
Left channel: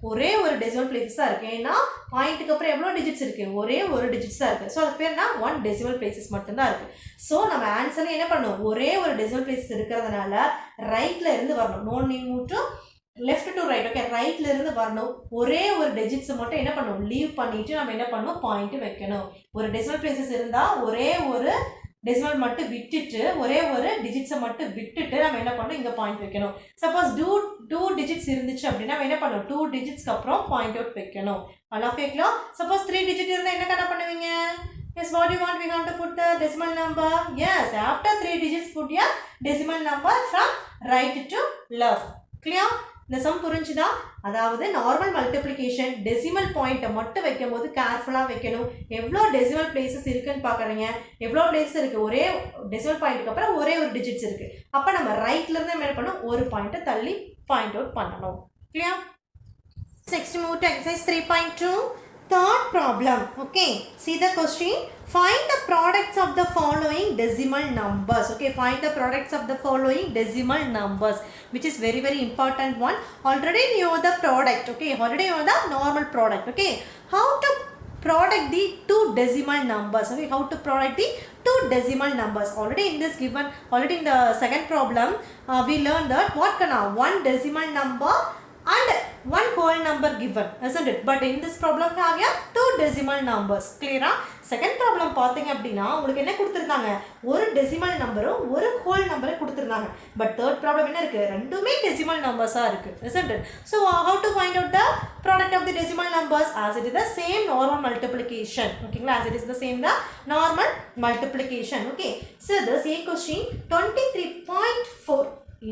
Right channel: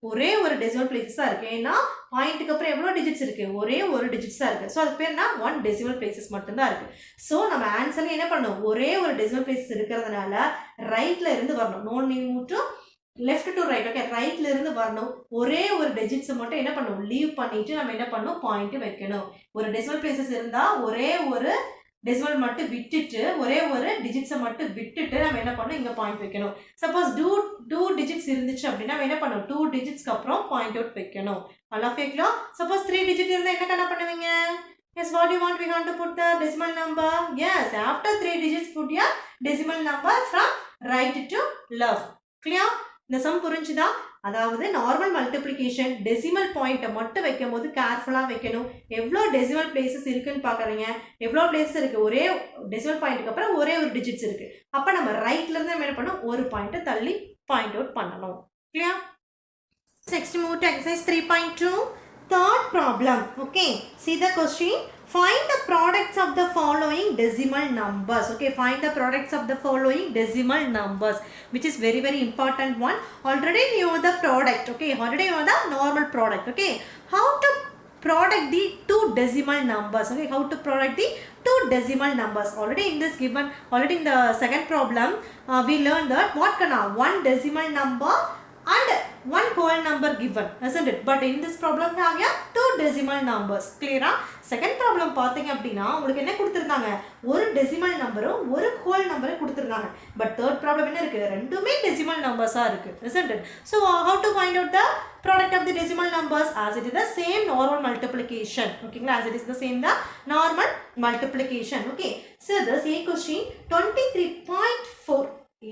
ஒரே ஒரு டெசிமல் பிளேसेस தான் இருக்கு. ஏனா பாயிண்ட்க்கு அப்புறம் எவ்வளவு டிஜிட்ஸ் இருக்கு? ஒரே ஒரு டிஜிட்ஸ் தான் இருக்கு. சோ அது பேர் என்ன? 1 டெசிமல் பிளேसेस மட்டும் தான் இருக்கு. சோ நம்ம ஆன்சர்ல என்ன பண்ணனும்? ஒரே ஒரு டெசிமல் பிளேसेस இருக்கிறதுனால ரைட்ல இருந்து வரணும். No need to left to right. Okay, ரைட்ல இருந்து வரணும். ஒரே ஒரு டிஜிட்ஸ் மட்டும் என்ன பண்ணனும்? லீவ் பண்ணிட்டு நம்ம என்ன பண்ணனும்? பாயிண்ட் வைக்கணும். ஒரு டெசிமல் பிளேसेस இருந்தா ஒரே ஒரு டெசிமல் மட்டும் விட்டுட்டு ஒரே ஒரு டிஜிட்ஸ் மட்டும் விட்டுட்டு நம்ம என்ன பண்ணனும்? இங்க பாயிண்ட் வைக்கணும். சப்போஸ் 2 டிஜிட்ஸ் இருந்துச்சு அப்படினா நம்ம என்ன பண்ணனும்? 2 டிஜிட்ஸ்க்கு அப்புறம் பாயிண்ட் அவுட் வைக்கணும். all of it suppose 3 digit இருந்தா என்ன கணக்கு பண்ணுவீங்க? Yes, what do you want? We want to put the decimal number. Yes, after 3 digits put your decimal number from right to left. Clear? இந்த some புரிஞ்சுதா? அதாவது normal multiplication decimal பாயிண்ட்டை மட்டும் வைக்கும்போது கேர்ஃபுல்லாக வைக்கணும். எவ்வளோ டெசிமல் பிளேசஸ் இருக்குன்னு பார்க்குறீங்க. எவ்வளோ பிளேஸ் இருக்குது? ஒரே டெசிமல் பாயிண்ட்டுக்கு அப்புறம் ஒரே ஒரு டிஜிட்ஸ் இருக்குது. அப்போ நம்ம ரைட்லேருந்து என்ன பண்ணணும்? ஒரு பாயிண்ட்டை தள்ளி பாயிண்ட் அவுட் பண்ணணும். Clear? Next move to exercise 3.2. Third problem. Okay, see the question. Find the products of the following decimal numbers. Okay, find the products of the following decimal numbers, which is very important one. Already you know the product. Okay, already you know the normal product. Okay, how to product the two decimal numbers? Okay, how to product the two decimal numbers? Already in this given, already in the second problem, we learned that what kind of one decimal number and one whole number given, isn't it? But in this problem we have here two decimal numbers. Clear? Second problem பாத்தீங்க அப்படினா உங்களுக்கு என்ன கொடுத்திருந்தாங்க? ஒரு decimal நம்பரும் ஒரு whole நம்பரும் கொடுத்திருந்தாங்க. பட் third problem என்ன இருக்கு? ரெண்டுமே டெசிமல் நம்பர்ஸா இருக்கு, isn't it? So how to find out the product of the decimal numbers? As it is the same normal multiplication. Okay, as it is the same the normal multiplication. Okay, so this a question 23.4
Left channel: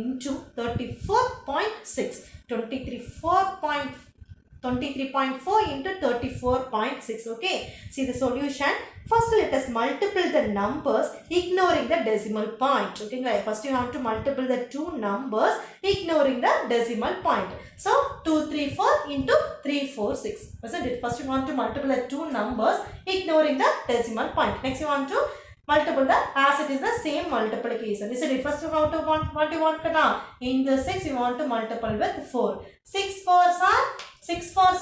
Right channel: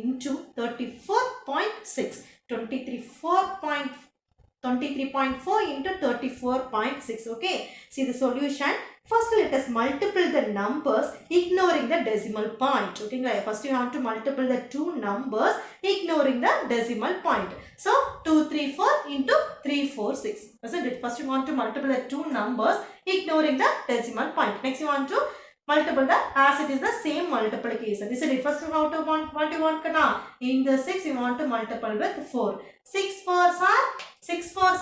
into 34.6. 23.4 into 34.6. Okay, see the solution. First let us multiply the numbers ignoring the decimal point. Okay, first you have to multiply the two numbers ignoring the decimal point. So 234 into 346, isn't it? First you want to multiply the two numbers ignoring the decimal point. Next you want to multiple the as it is the same multiplication. This is it. First you want to what you want kana? In the 6 you want to multiply with 4. 6 4s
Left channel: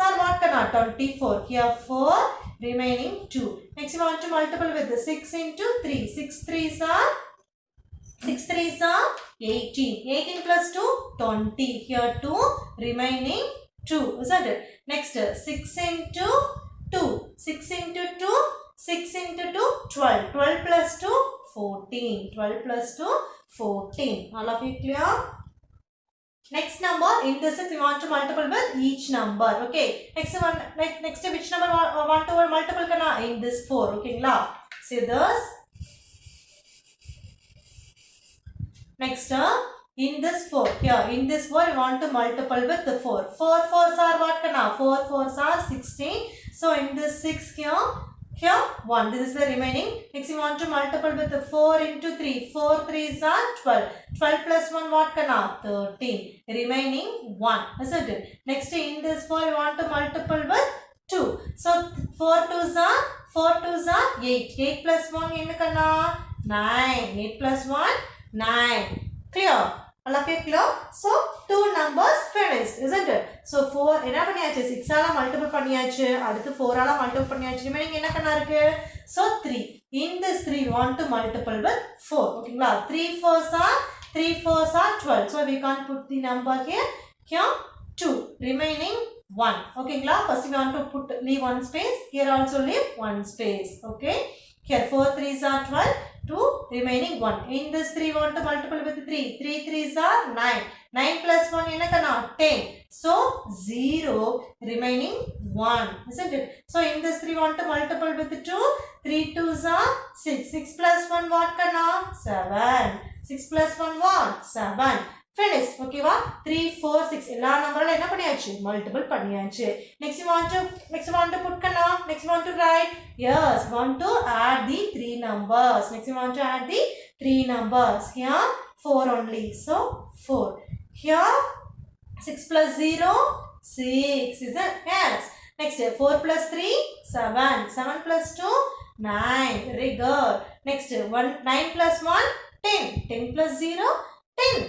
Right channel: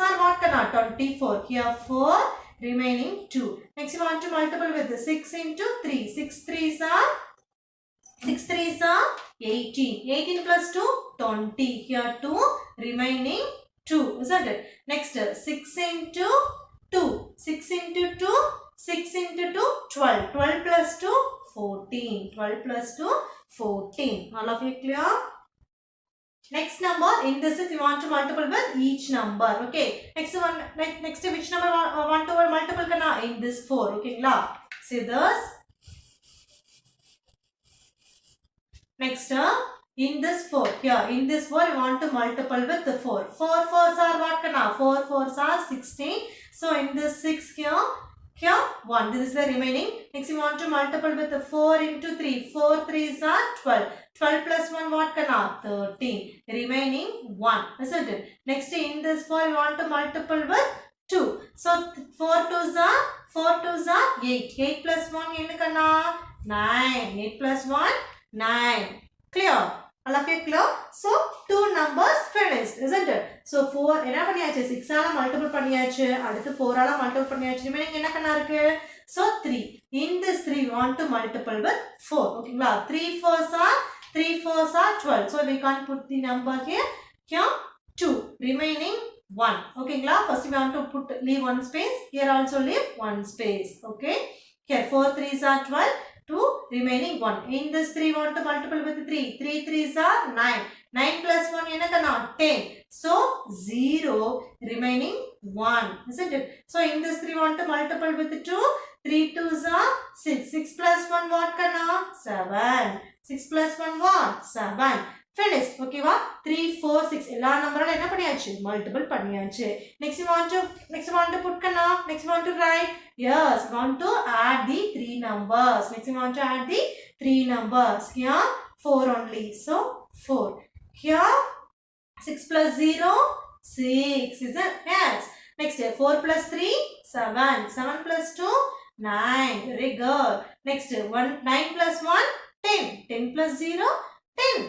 are what kana? 24. Here 4 remaining 2. Next you want to multiply with the 6 into 3. 6 3s are 18. 18 plus 2 20. Here 2 remaining 2, isn't it? Next 6 into 2. 6 into 2 6 into 2, 12. 12 plus 2, 14. 12 plus 2, 14. All of you clear? Next number, in this is you want to multiple with each number. Okay. Next one, next which number want to multiple kana? In this 4. Okay, see this. Next, in this 4. Here, in this 4 you want to multiple with the 4. 4 4s are what kana? 4 4s are 16. So in this 6 here 1. This is the remaining. Next you want to multiple with the 4 into 3. 4 3s are 12. 12 plus 1 what kana? 13. Remaining 1. Isn't it? Next in this 4 you want to multiple with 2. So 4 2s are 8. 8 plus 1 enna kana? 9. 8 plus 1 9. Clear? All of you clear? So 2 numbers finished, isn't it? So 4 என்ன பண்ணியாச்சு? 6 ஆல multiple பண்ணியாச்சு. அடுத்து 4 ஆல multiple பண்ணியாச்சு. Remaining என்ன கண்ணா இருக்கு? So 3. In this 3 we want to multiple with 4. ஓகேங்களா? 3 4s are 12. So we can't put the number here. Here 2. Remaining 1. ஓகேங்களா? First we want to leave one space. Here also leave one space. Okay? Here 4 3s are 12. 2 remaining 1. In this 3 want to multiple with 3. 3 3s are 9. 9 plus 1 enakana 10. So 0 remaining 1. Isn't it? So in this 3 want to multiple with 2. 3 2s are 6. 6 plus 1 what kana? 7. 6 plus 1 what? 7. Finish. Okay va? 3 4 6 எல்லா நம்பரால என்ன பண்ணியாச்சு? Multiple பண்ணியாச்சு. Next you want to put kana? Next you want to write? Yes, want to add the 3 numbers. Next you want to add the 3 numbers. Here 4 only. So 4. Here 6 plus 0 6. Is it? Yes. Next 4 plus 3 7. 7 plus 2 9. Very good. Next 9 plus 1 10. 10 plus 0 10.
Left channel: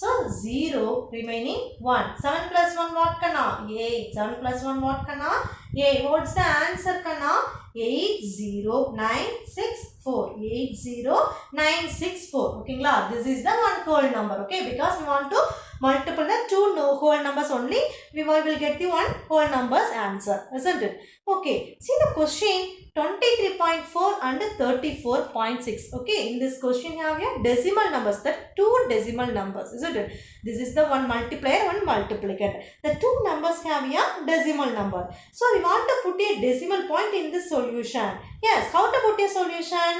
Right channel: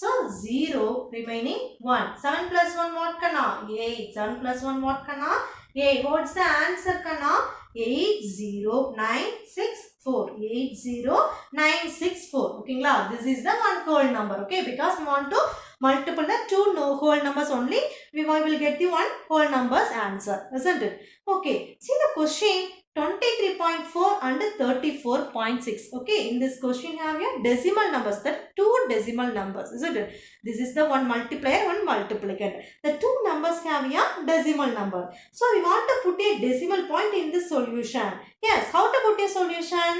So 0 remaining 1. 7 plus 1 what kana? 8. 7 plus 1 what kana? 8. What's the answer kana? 80964. 80964. Okay, this is the one whole number. Okay, because we want to multiple the two whole numbers only. We will get the one whole numbers answer. Isn't it? Okay, see the question 23.4 and 34.6. Okay, in this question you have your decimal numbers, the two decimal numbers, isn't it? This is the one multiplier, one multiplicand. The two numbers have a decimal number. So we want to put a decimal point in this solution. Yes, how to put a solution?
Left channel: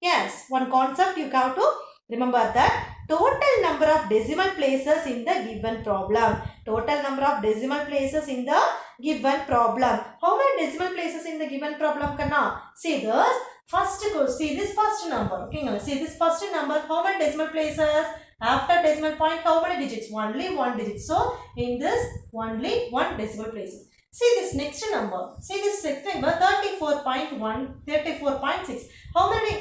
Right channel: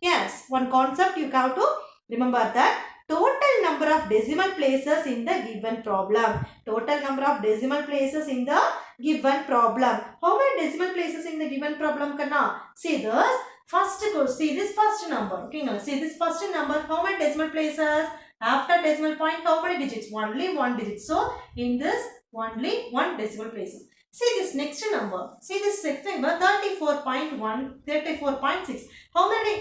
Yes, one concept you have to remember, that total number of decimal places in the given problem. Total number of decimal places in the given problem. How many decimal places in the given problem kana? See this first, see this first number. Okay, see this first number. How many decimal places? After decimal point, how many digits? Only one digit. So in this only one decimal places. See this next number. See this next number 34.1, 34.6. How many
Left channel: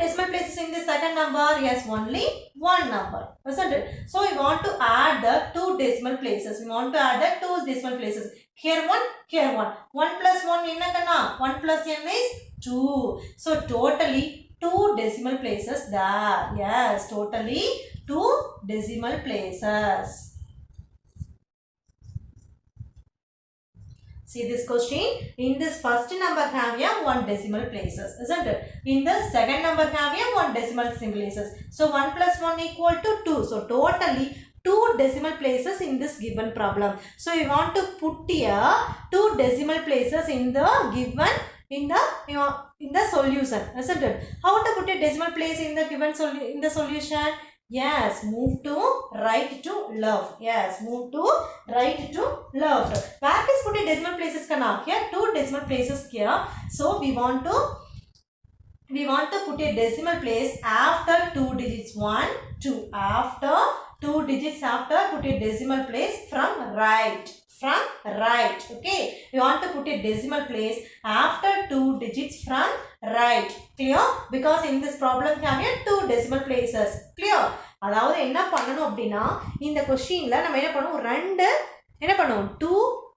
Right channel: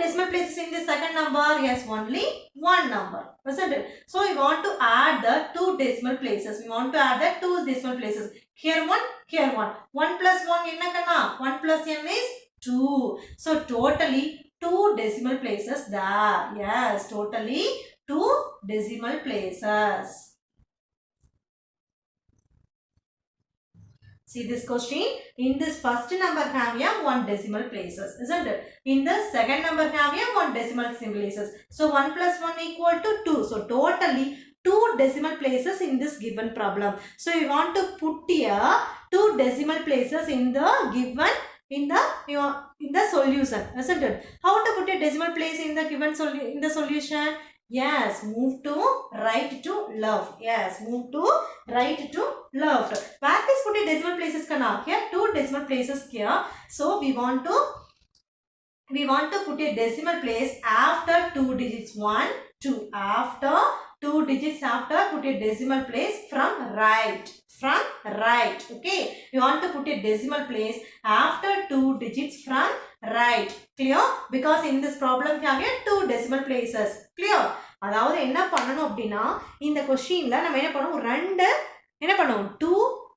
decimal places in the second number? Yes, only one number, isn't it? So we want to add the two decimal places. We want to add the two decimal places. Here one, here one. 1 plus 1 enna kana? 1 plus n is 2. So totally two decimal places there. Yes, totally two decimal places. See this question. In this first number have a one decimal places, isn't it? In the second number have a one decimal places. So 1 plus 1 equal to 2. So totally two decimal places in this given problem. So we want to put here two decimal places in the given in the solution, isn't it? How to put a decimal place in the given in the solution? Yes, move to right to left. Yes, move to right to left. Where is put a decimal places kana? Here two decimal places here. So we want to put a decimal place after two digits. 1, 2. After two digits, after put a decimal place from right. From right. Okay. We want to put a decimal place after two digits from right. Clear? Because in this problem we have two decimal places. Clear? அதாவது என்ன பண்ணணும் அப்படின்னா, இந்த கொஸ்டின்ல நம்ம என்ன பண்ணுவோம், two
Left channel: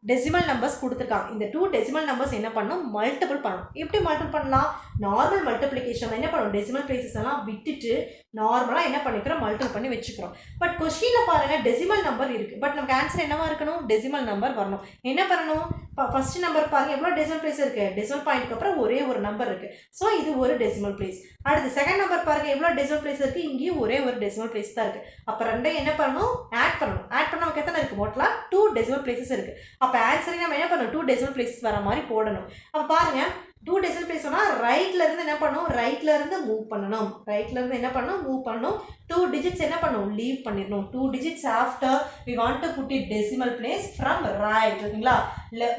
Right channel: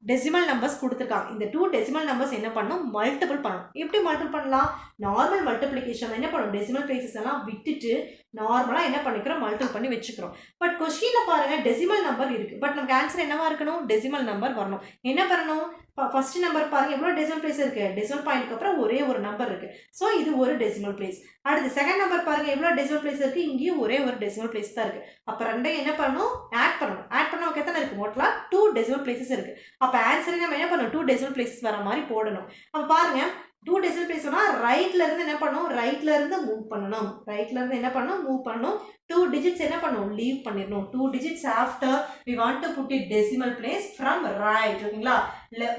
decimal numbers கொடுத்துருக்காங்க. இந்த டூ டெசிமல் நம்பர்ஸ் என்ன பண்ணணும், மல்டிபிள் பண்ணணும். எப்படி மல்டிபிள் பண்ணலாம்? நார்மல் மல்டிப்ளிகேஷன் என்ன பண்ணுவோம், டெசிமல் பிளேசஸ் எல்லாம் விட்டுட்டு நார்மலாக என்ன பண்ணிக்கிறோம், மல்டிபிள் பண்ணி வச்சுக்கிறோம். பட் கொஸ்டினில் பாருங்கள் டெசிமல் நம்பர் இருக்குது. பட் நமக்கு ஆன்சர் என்னவா இருக்கணும், டெசிமல் நம்பர் வரணும். என்ன பண்ணணும், ஃபர்ஸ்ட் நம்பர் பாருங்கள் எவ்வளோ டெசிமல் பிளேஸ் இருக்குது, டெசிமல் பாயிண்ட்க்கு அப்புறம் ஒரே ஒரு நம்பர் இருக்குது. ஸோ இது ஒரு டெசிமல் பிளேஸ். அடுத்து செகண்ட் நம்பர் பாருங்கள் எவ்வளோ டெசிமல் பிளேஸ் இருக்குது, இங்கேயும் ஒரே ஒரு டெசிமல் பிளேஸ் தான் இருக்குது. அப்போ ரெண்டையும் என்ன பண்ணணும், ஆட் பண்ணணும். ஆட் பண்ண நமக்கு எத்தனை இருக்குது, மொத்தம் 2 டெசிமல் பிளேசஸ் இருக்குது. அப்போ ஆன்சரை நம்ம என்ன பண்ணணும், 2 டெசிமல் பிளேசஸ் வர மாதிரி போடணும். அப்போ பாருங்கள் 2 டெசிமல் பிளேஸ் சொன்னால் ரைட்லேருந்து என்ன பண்ணணும், ரைட்லேருந்து மூவ் பண்ணணும். ரைட்லேருந்து என்ன பண்ணணும், மூவ் பண்ணணும். 2 digits என்ன பண்ணணும், லீவ் பண்ணிடணும். 2 digits after we want to put it decimal place from right. ஓகேங்களா,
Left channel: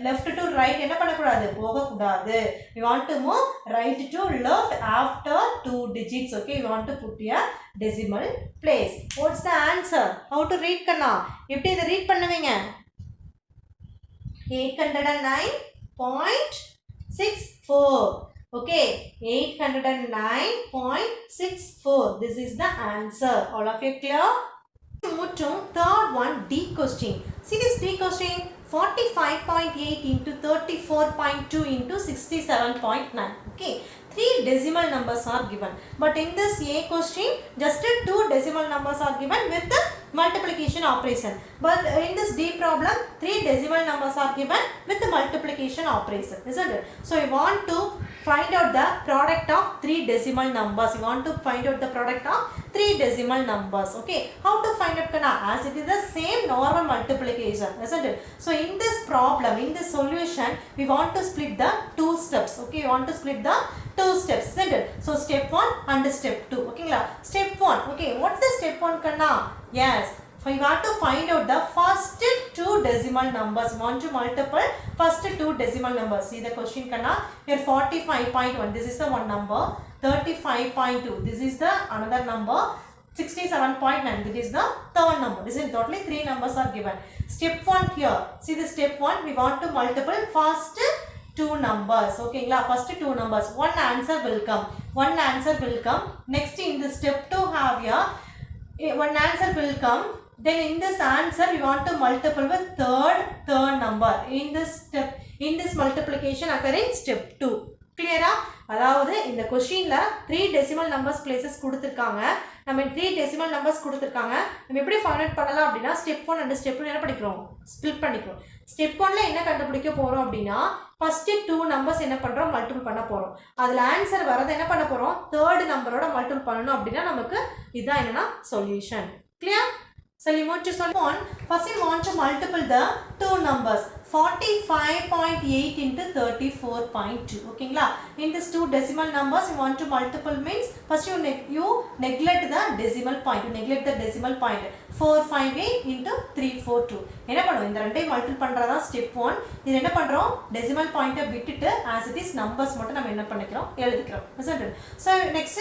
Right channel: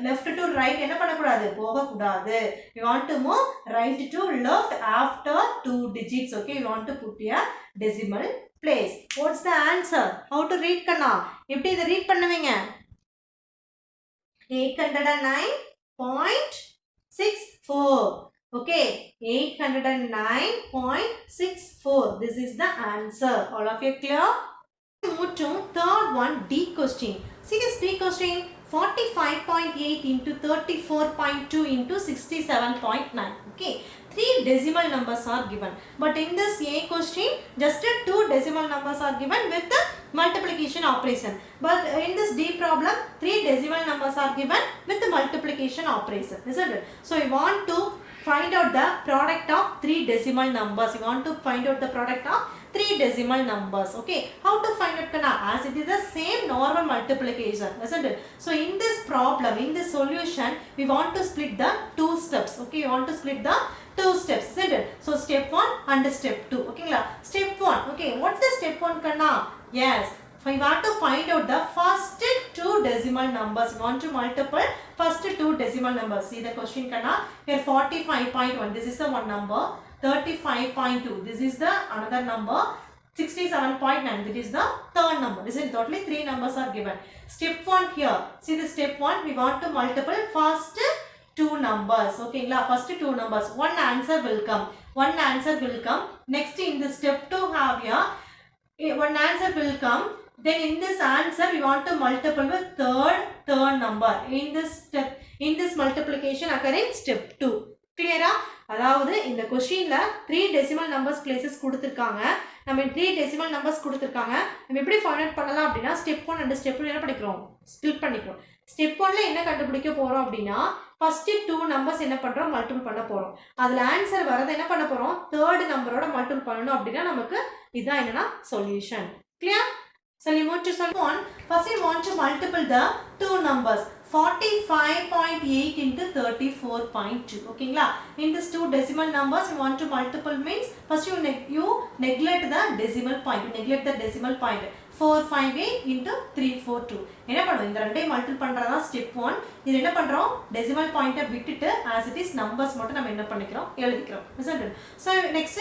left to right என்ன பண்ணக்கூடாது, போகக்கூடாது. we want to move right to left after 2 digits. okay, we want to put a decimal place. what's the answer, how to read கண்ணா, எப்படி இதை read பண்ணுவீங்க, 809.64. okay, 809.64. this is the answer. all of you clear? Move to third one, D question. see this D question, 45.8 into 34.2 into 67.9. okay, 3 decimal numbers are given. But in this A question, just 2 decimal numbers are given with the multiplication operation. But in this D problem, 3 decimal numbers are given with the multiplication operation, isn't it? So we want to find out the product of 3 decimal numbers. We want to find out the product of 3 decimal numbers. Okay, how to find out kana? As it is the same normal multiplication, isn't it? So in this problem, in this solution, we want to split the 2 steps. Okay, we want to split the 2 steps, isn't it? So step 1 and step 2. Okay, step 1. Okay, what's the step 1 kana? Yes, so we want to find out the first 2 decimal numbers. We want to multiply first 2 decimal numbers. See the question kana? Here 45.1. This is the one number. 35.2. This is the another number. 67.9. This is the third number. This is totally 3 numbers are given. Step 1 here. See the step 1. We want to multiply first 2 numbers. Okay, first 2 numbers. One answer will come. One answer will come. Next in the step 2 have here. One answer will come. Then in this answer we want to multiply with third number. In this multiplication occur in step 2. Clear? அதாவது இந்த क्वेश्चनல 3 decimal numbers places கொடுத்திருக்காங்க. நம்ம 3 decimal numbers கொடுத்திருக்காங்க. நம்ம எப்படி find out பண்ணலாம் அப்படினா step 1 and step 2 என்ன படிக்கிறோம்? ஸ்ப்ளிட் பண்ணிக்கிறோம். ஸ்டெப் 1ல என்ன கண்டுபிடிக்க போறோம் அப்படினா ஃபர்ஸ்ட் 2 நம்பர்ஸ் என்ன பண்றோம்? மல்டிபிள் பண்ண போறோம். அதுல ஆன்சர் வரது என்ன பண்ண போறோம்? தேர்ட் நம்பரோட மல்டிபிள் பண்ணனும் அப்படினா நமக்கு இதான் என்னன்னா solution. Clear? So we move to step 1. First we want to multiply the 2 numbers. 45.8 into 34.2. Okay, in this 2 decimal numbers you want to multiple means first you neglect the decimal point. You neglect the decimal point. 458 into 342. என்ன பண்ணுவோம்? இந்த ரெண்டையும் multiple பண்றதா step 1. இது என்ன பண்றோம்? Decimal பாயிண்ட்டை விட்டுட்டு as it is numbers மட்டும் நம்ம என்ன பண்ணிக்கிறோம்? எழுதிக்கிறோம். Isn't it? So next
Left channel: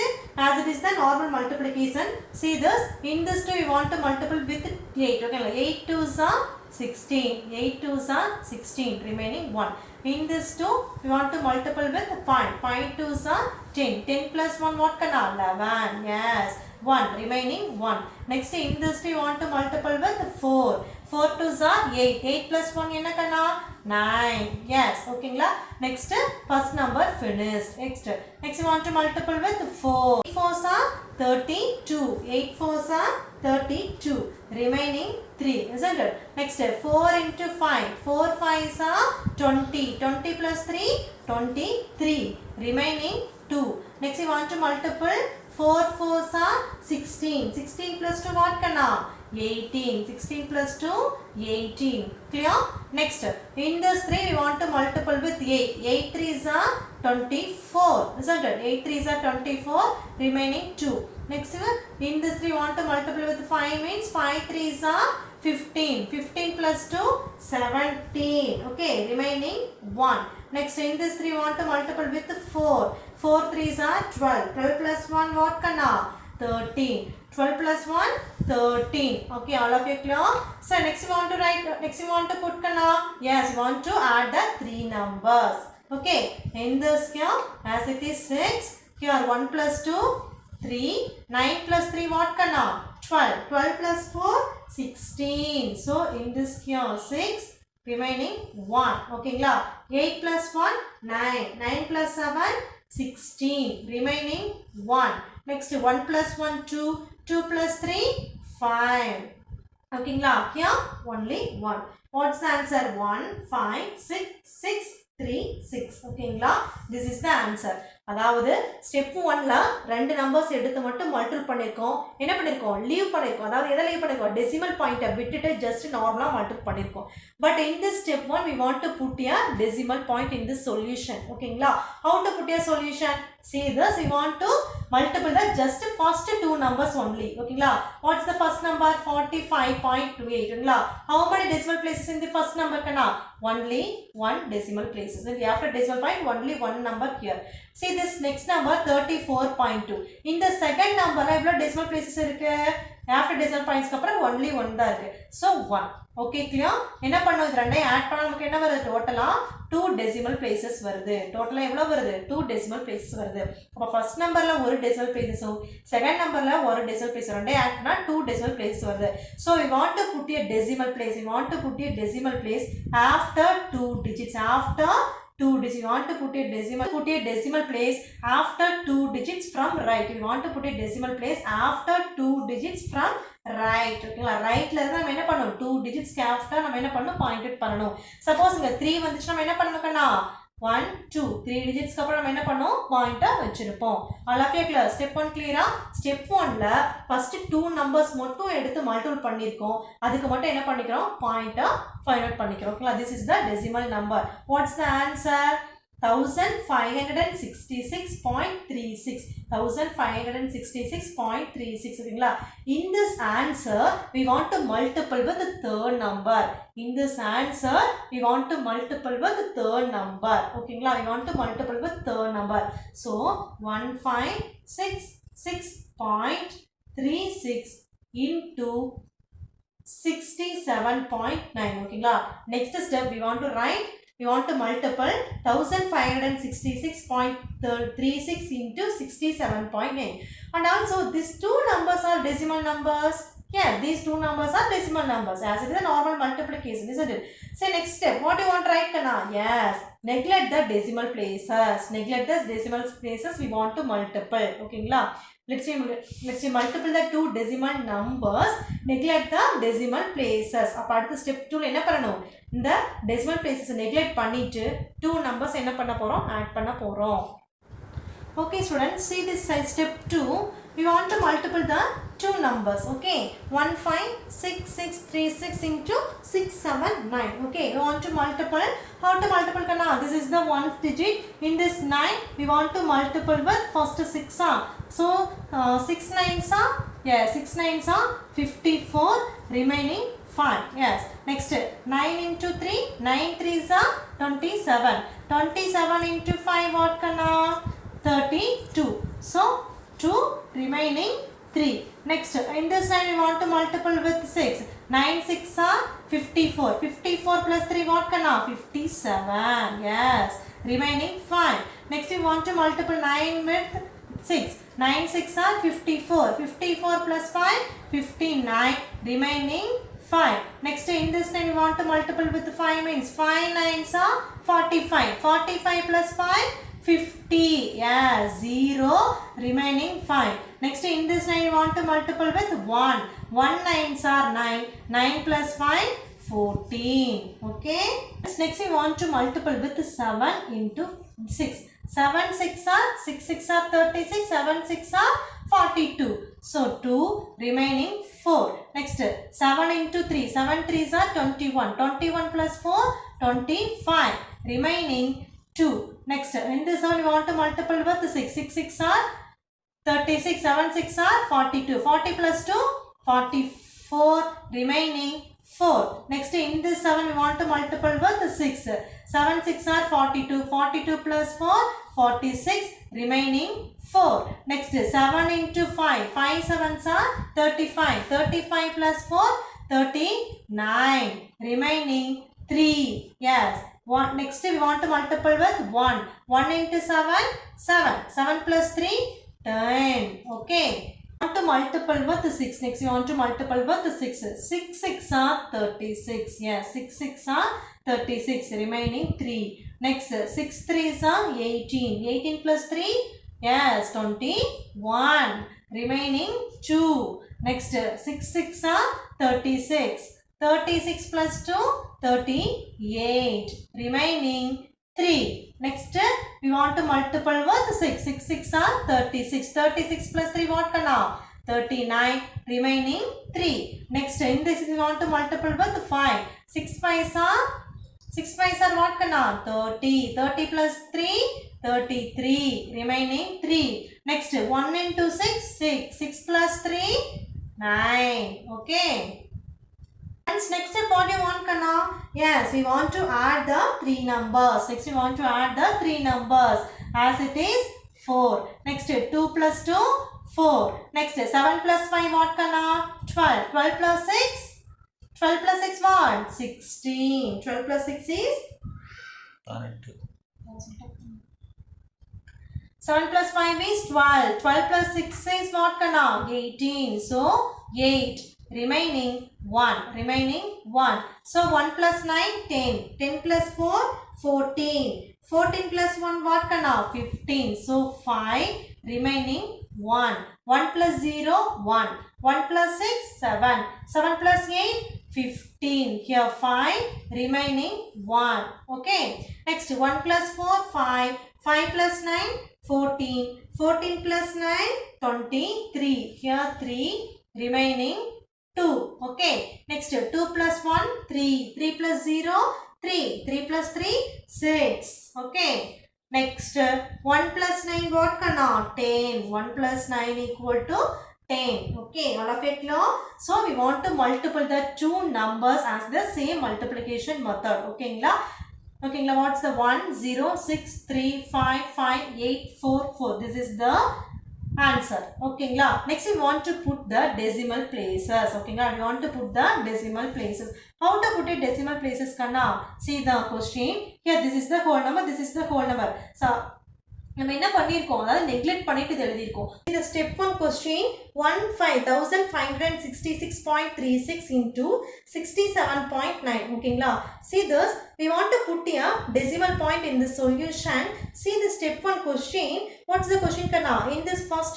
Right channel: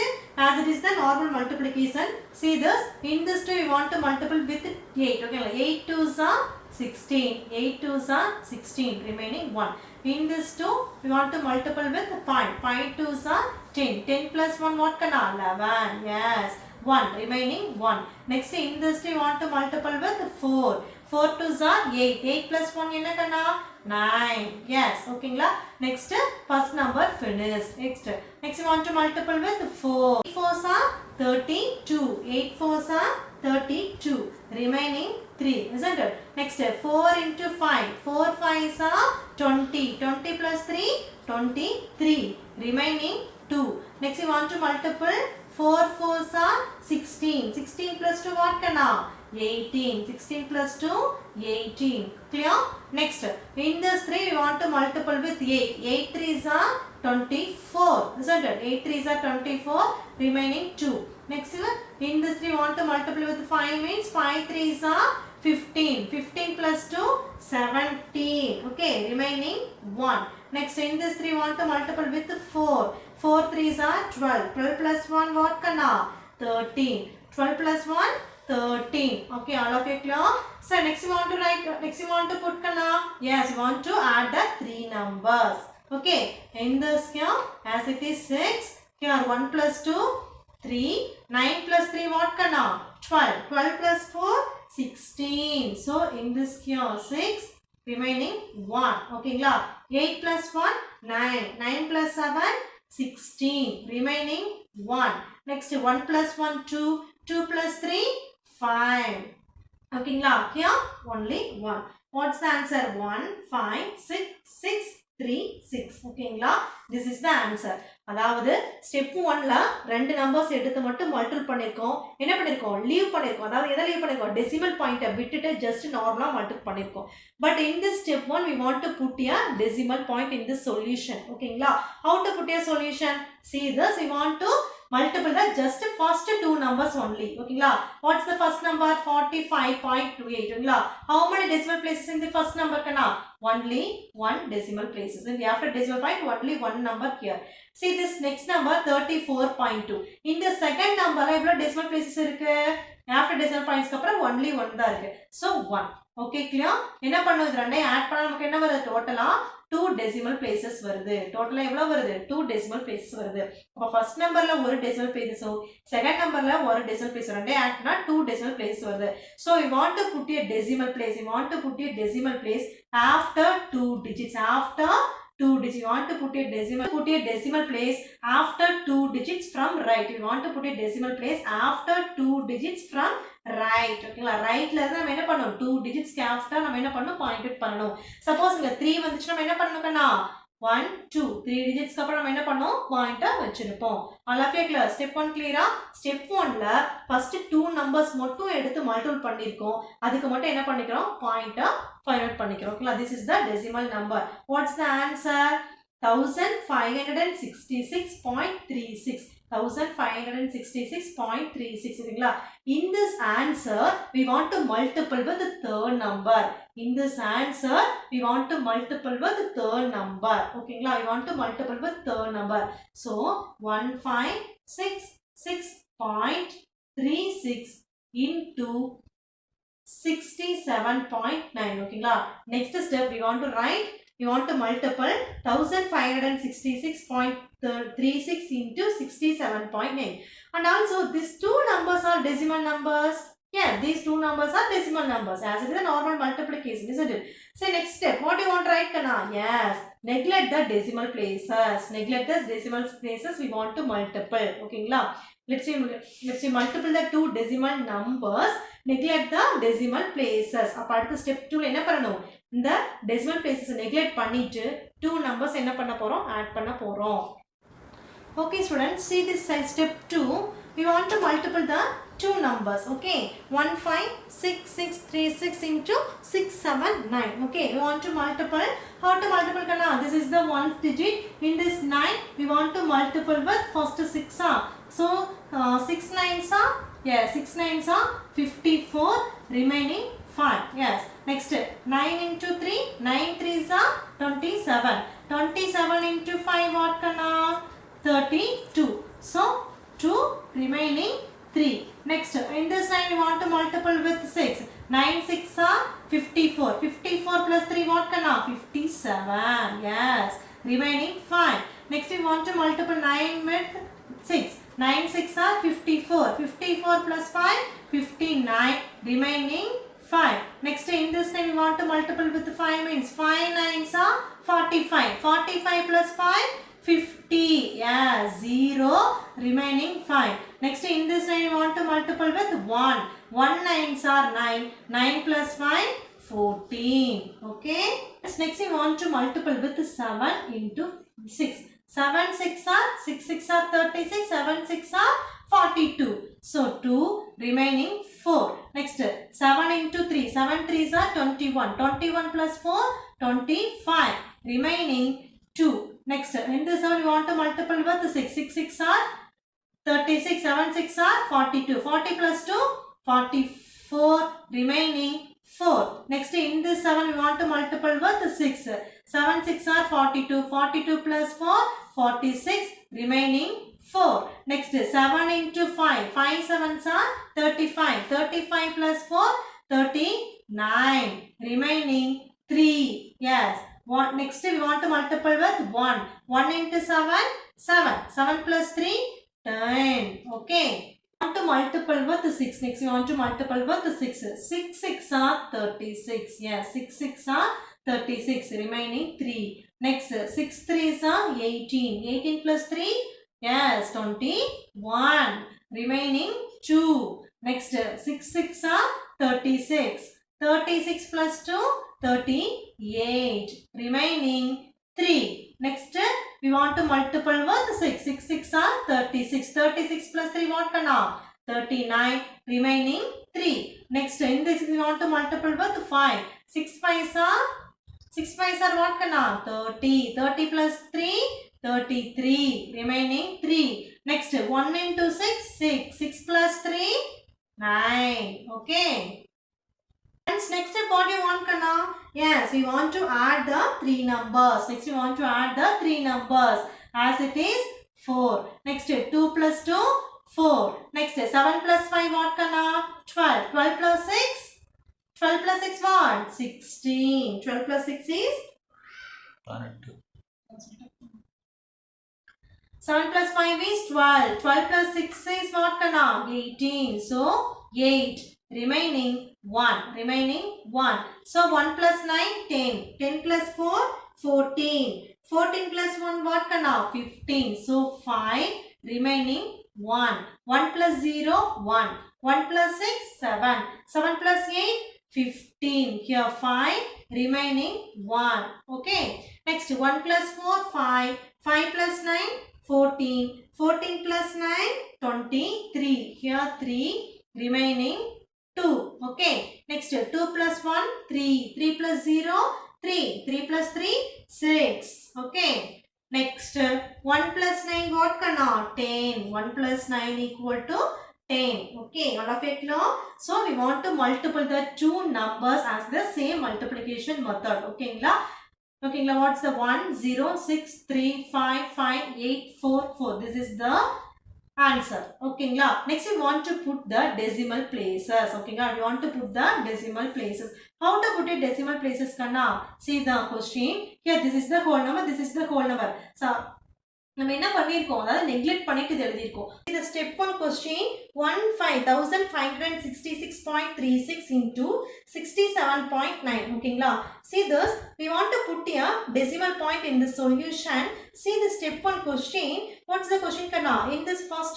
as it is the normal multiplication. See this. In this two we want to multiple with 8. Okay, 8 2s are 16. 8 2s are 16. Remaining 1. In this 2 we want to multiple with 5. 5 2s are 10. 10 plus 1 what kana? 11. Yes. 1. Remaining 1. Next in this 2 we want to multiple with 4. 4 2s are 8. 8 plus 1 enna kana? 9. Yes. Okay. Next first number finished. Next we want to multiple with 4. 8 4s are 32. 8 4s are 32. Remaining 3. Isn't it? Next 4 into 5. 4 5s are 20. 20 plus 3 23. Remaining 2. Next we want to multiple 4 4s are 16. 16 plus 2 what kana? 18. 16 plus 2 18. Clear? Next in this 3 we want to multiple with 8. 8 3s are 24. Isn't it? 8 3s are 24. Remaining 2. Next in this 3 we want to multiply with 5 means 5 3s are 15. 15 plus 2 17. Okay, remaining 1. Next in this 3 we want to multiply with 4. 4 3s are 12. 12 plus 1 what kana? 13. 12 plus 1 13. Okay, all of you clear? So next we want to write, next we want to put kana? Yes, we want to add the 3 numbers. Okay, in this here as it is 6. Here 1 plus 2 3. 9 plus 3 what kana? 12. 12 plus 4 16. So in this here 6. Remaining 1. Okay, 8 plus 1 9. 9 plus 7 16. Remaining 1. Next 1 plus 1 2. 2 plus 3 5. Okay, here only 1. What's the answer? 1 5 6 6 3 6. Okay, this is the answer. அதாவது step 1ல ரெண்டு numbers எடுத்து மட்டும் multiple பண்ணிருக்கோம். என்ன பண்ணிருக்கோம்? Leave பண்ணிருக்கோம். அதாவது எதை லீவ் பண்ணிருக்கோம்? டெசிமல் பாயிண்ட்டை விட்டுட்டு ஜஸ்ட் நார்மலா மல்டிபிள் பண்ணிருக்கோம். But in this step 1 we want to put a decimal point in this solution. ஓகேங்களா? How to put a solution? See this, we want to multiply the just first 2 numbers only. ஓகேங்களா? What's the first number? 45.28. ஓகேங்களா? How many decimal places in the first number kana? Only one decimal places. And after decimal point only one number here. See this next number 34.2. In the second number எவ்வளவு decimal places இருக்கு? After decimal points அப்புறம் only one தான் இருக்கு. So 1. Okay, clear? என்ன பண்ணோம்? இது ரெண்டையும் add பண்ணா நமக்கு என்ன வருது? டோட்டலா 2 decimal places வருது. டோட்டலா எவ்வளவு வருது? 2 decimal places வருது. அப்ப ஃபர்ஸ்ட் நம்பர்ல ஒரு decimal places, செகண்ட் நம்பர்ல ஒரு decimal place, ரெண்டையும் ஆட் பண்ணா 2 decimal places வருது. So we want to put a decimal place. We want to put a decimal place after 2 digits. After 2 digits. You want to put a decimal place after 2 digits from right. You want to put a decimal place after 2 digits from right. Okay, right la நம்ம என்ன பண்ணனும் 2 digits after நம்ம என்ன பண்ணனும் point பண்ணனும். Suppose இங்க 3 வந்துச்சு நம்ம என்ன பண்ணனும் கண்ணா 1 2 3 digits அப்புறம் நம்ம என்ன பண்ணோம் பாயிண்டா வச்சிருப்போம். all of you clear? Step 1 clear? Step 1ல first 2 numbers மட்டும் எடுத்து மல்டிபிள் பண்ணிருக்கோம். அதுக்கு மட்டும் என்ன பண்ணிக்கிறோம் பாயிண்டா ஃபைண்ட் அவுட் பண்ணிக்கிறோம். ஓகேங்களா? this is the decimal number. What's the answer? 1566.36. 1566.36. ஓகேங்களா? In this answer we want to multiple with the third number. In this answer we want to multiple with the third number. ஓகேங்களா? We want to multiple with third number. So 1566.36 into 67.9. ஓகேங்களா? Next step we want to write. We want to multiple 1566.36 into 67.9. And also these two numbers are decimal numbers. Yeah, these two numbers are decimal numbers as it is a normal multiplication, isn't it? So next step, what do you want to write, Kana? Yes, neglect the decimal places. Neglect the decimal places. We want to multiple. Okay, let's see multiple the two decimal numbers. Neglect the decimal places. Apart the step 2 என்ன பண்ணணும் இந்த decimal places neglect பண்ணிட்டு two numbers என்ன பண்ண போறோம் add பண்ண போறோம். Okay students, see this side step 2. We want to multiple the two numbers. Okay, 156636 into 679. Okay, we want to multiple. How to multiple kana? This is the 1st digit. In this 9 we want to multiple with first 6. So 6 9s are 6 9s are 54, remaining 5. Yes, next 9 into 3, 9 3s are 27. 27 into 5 what kana? 32. So 2, remaining 3. Next, in this line we want to multiple with 6. 9 6 are 54. 54 plus 3 what kana? 57. Yes, remaining 5. Next we want to multiple 9 with 6. 9 6 are 54. 54 plus 5, 59. Remaining 5. Next, in this time we want to multiple with 5 means 5 9s are 45. 45 plus 5, 50. Yeah, 0. Remaining 5. Next, in this line we want to multiple with 1. 1 9s are 9. 9 plus 5, 14. Okay. Next, we want to multiple with 7 into 6. 7 6 are 6 6 are 36. 7 6 are 42. So 2, remaining 4. Next 7 into 3. 7 3s are 21. 21 plus 4, 25. Remaining 2. Next in this one we want to multiple with 6. 6 6 are 36. 7 6 are 42. 40 plus 2, 44. Remaining 4. Next in this 7 we want to multiple with 6. 7 6 are 42. 42 plus 4, 46. Remaining 4. Next 7 into 5. 5 7s are 35. 35 plus 4, 39. Remaining 3. Yes. Next we want to multiple with 1. 1 into 7, 7. 7 plus 3, 10. Okay. Want to multiple with 6. Next we want to multiple with 6. 6 6 are 36. Yes, 6 6 are 36. Remaining 3. Next 6 3s are 18. 18 plus 3, yes, 21. Remaining 2. Next 6 6 are 36. 36 plus 2, 38. Remaining 3. Next we want to multiple with 6. 6 6 are 36. 36 plus 3 what kana? 39. Remaining 3. Next in this we want to multiple with 5. 6 5s are 6 5s are what kana? 30. 30 plus 3, 33. Remaining 3. Next 1 into 6, 6. 6 plus 3, 9. Okay. Next step what do you want kana? Yes, we want to add the 3 numbers. Next we want to add the 3 numbers as it is 4. Next 2 plus 2, 4. Next 7 plus 5 what kana? 12. 12 plus 6, 12 plus 6 what? 16. 12 plus 6 is 7 plus 5 is 12. 12 plus 6 is what kana? 18. So 8. Remaining 1. Remaining 1. So 1 plus 9, 10. 10 plus 4, 14. 14 plus 1 what kana? 15. So 5 remaining 1. 1 plus 0 1. 1 plus 6 7. 7 plus 8 15. Here 5 remaining 1. Okay. Next 1 plus 4 5. 5 plus 9 14. 14 plus 9 23. Here 3 remaining 2. Okay. Next 2 plus 1 3. 3 plus 0 3. 3 plus 3 6. Okay. Next 1 plus 9 what kana? 10. 1 plus 9 equal to 10. Okay. All of it know. So we want to multiply the two numbers as the same multiplication method. Okay. Okay. What's the 1 0 6 3 5 5 8 4 4. This is the answer. Okay. Next we want to put the decimal places. Okay. We want to put the decimal places. How to put it decimal places kanna? See the question. Here this is the whole number. This is the whole number. So நம்ம என்ன பண்ணிருக்கோம், அதாவது neglect பண்ணிட்டு எழுதிருக்கோம். இந்த step 1 question 1566.36 into 67.9. ஓகேங்களா? See this, we want to put a decimal point in the solution. See the step 1 question. What's the question kana? In this first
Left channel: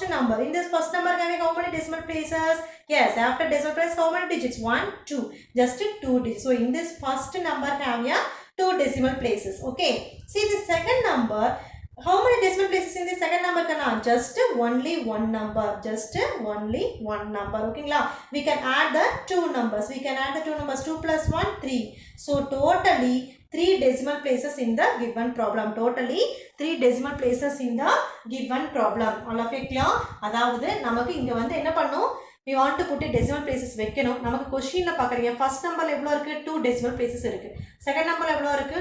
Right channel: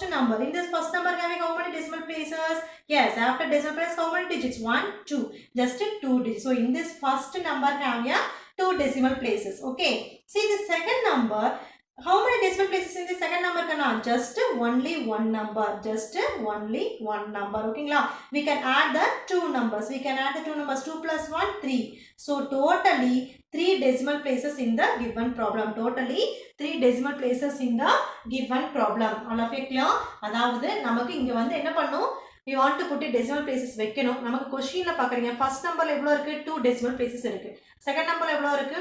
number having how many decimal places? Yes, after decimal place how many digits? 1 2, just 2 digits. So in this first number have a 2 decimal places. Okay. See the second number. How many decimal places in the second number kana? Just only one number. Just only one number. Okay. We can add the two numbers. 2 plus 1 3. So totally 3 decimal places in the given problem. Totally 3 decimal places in the given problem. All of it clear? அதாவது நமக்கு இங்க வந்து என்ன பண்ணும்? We want to put a decimal places வைக்கணும். நமக்கு क्वेश्चनல பாக்குறீங்க first numberல எவ்வளவு இருக்கு? 2 decimal places இருக்கு. second numberல எவ்வளவு இருக்கு?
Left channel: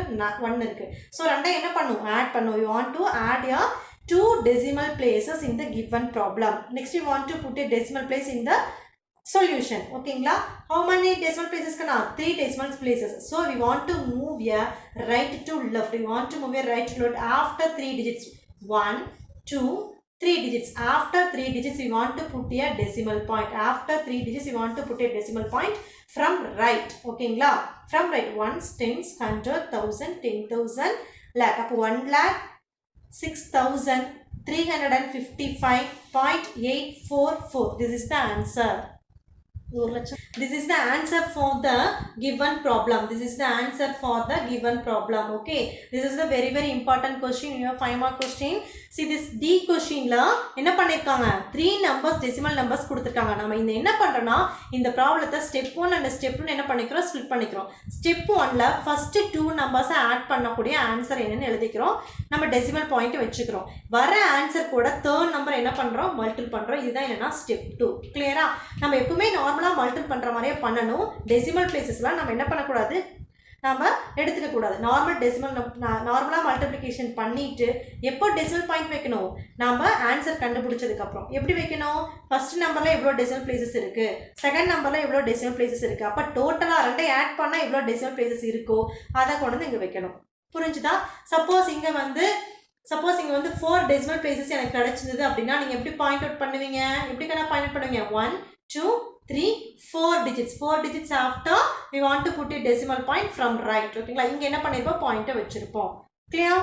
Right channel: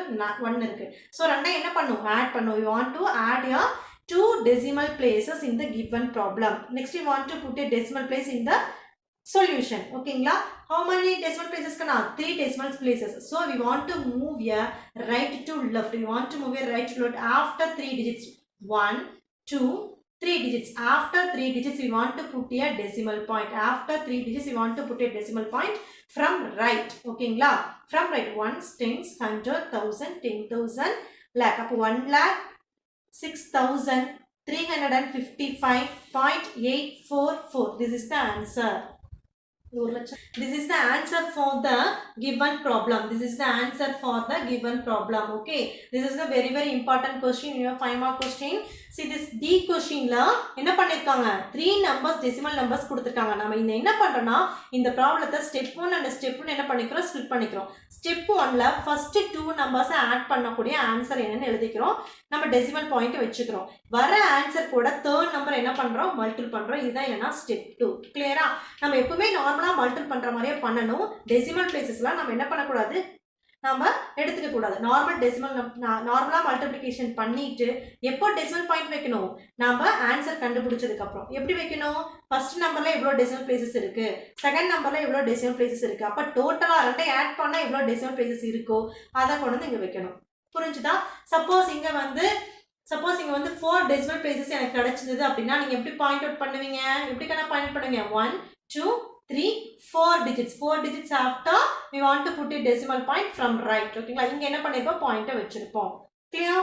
1 இருக்கு. So ரெண்டையும் என்ன பண்ணும்? ஆட் பண்ணும். We want to add a 2 decimal places in the given problem. Next we want to put a decimal place in the solution. Okay. How many decimal places kana? 3 decimal places. So we want to move a right to left. We want to move a right to left after 3 digits. 1 2 3 digits. After 3 digits we want to put a decimal point. After 3 digits we want to put a decimal point from right. Okay. From right. Ones, tens, 100, 1000, 10,000, lakh. Up 1 lakh 6,355.844. This is the answer. This is the answer for the given problem. This is the answer for the given problem. Okay. This is the very very important question. Your 5 mark question. See this D question la என்ன பண்ணிருக்காங்க? 3 numbers decimal numbers கொடுத்திருக்காங்க. நாம இந்த என்ன பண்றோம்னா இந்த ப்ராப்ளத்தை step 1 and step 2 என்ன பண்ணிக்கிறோம்? ஸ்ப்ளிட் பண்ணிக்கிறோம். ஸ்டெப் 1ல first 2 numbers ஆட் பண்ணக்கூடிய ஆன்சர் என்னன்னு எழுதிக்கிறோம். நம்ம டெசிமல் பாயிண்ட் வெச்சுக்கிறோம். வர ஆன்சர் கூட தேர்ட் நம்பர் என்ன பண்றோம்? மல்டிபிள் பண்றோம். இதுதான் என்னன்னா ஸ்டெப் 2. கிளியரா? நம்ம எப்பவுமே நார்மலா மல்டிபிள் பண்ற மாதிரியே பண்ணணும். டெசிமல் பிளேसेसலாம் நம்ம என்ன பண்ண கூடாது? நாம எடுத்துக்க கூடாது. நார்மலா மல்டிப்ளிகேஷன் பண்ணிட்டு எப்போ டெசிமல் பாயிண்ட் வைக்கணும்? நாம ஆன்சர் கண்டுபிடிச்சதுக்கு அப்புறம். எப்படி வைக்கணும்? ஃபர்ஸ்ட் நம்பர்ல எவ்வளவு டெசிமல் பிளேसेस இருக்கு, செகண்ட் நம்பர்ல எவ்வளவு டெசிமல் பிளேसेस இருக்கு, அப்ப டோட்டலா ரெண்டையும் ஆட் பண்ணா எவ்வளவு டெசிமல் பிளேसेस இருக்கோ அத கொண்டு வந்து இங்க வைக்கணும். புரிஞ்சுதா? சப்போஸ் இங்க வந்து 4 டெசிமல் பிளேसेस எனக்கு கிடைச்சது அப்படினா நீங்க எப்படி பாயிண்ட் அவுட் பண்ணுவீங்க? எப்படி கணா பாயிண்ட் அவுட் பண்ணுவீங்க? 1 2 3 4 digits. 4 digits after we want to put a decimal point from right. ஓகேங்களா? இங்க என்ன பண்ணிருப்போம்? பாயிண்ட வெச்சிருப்போம். clear?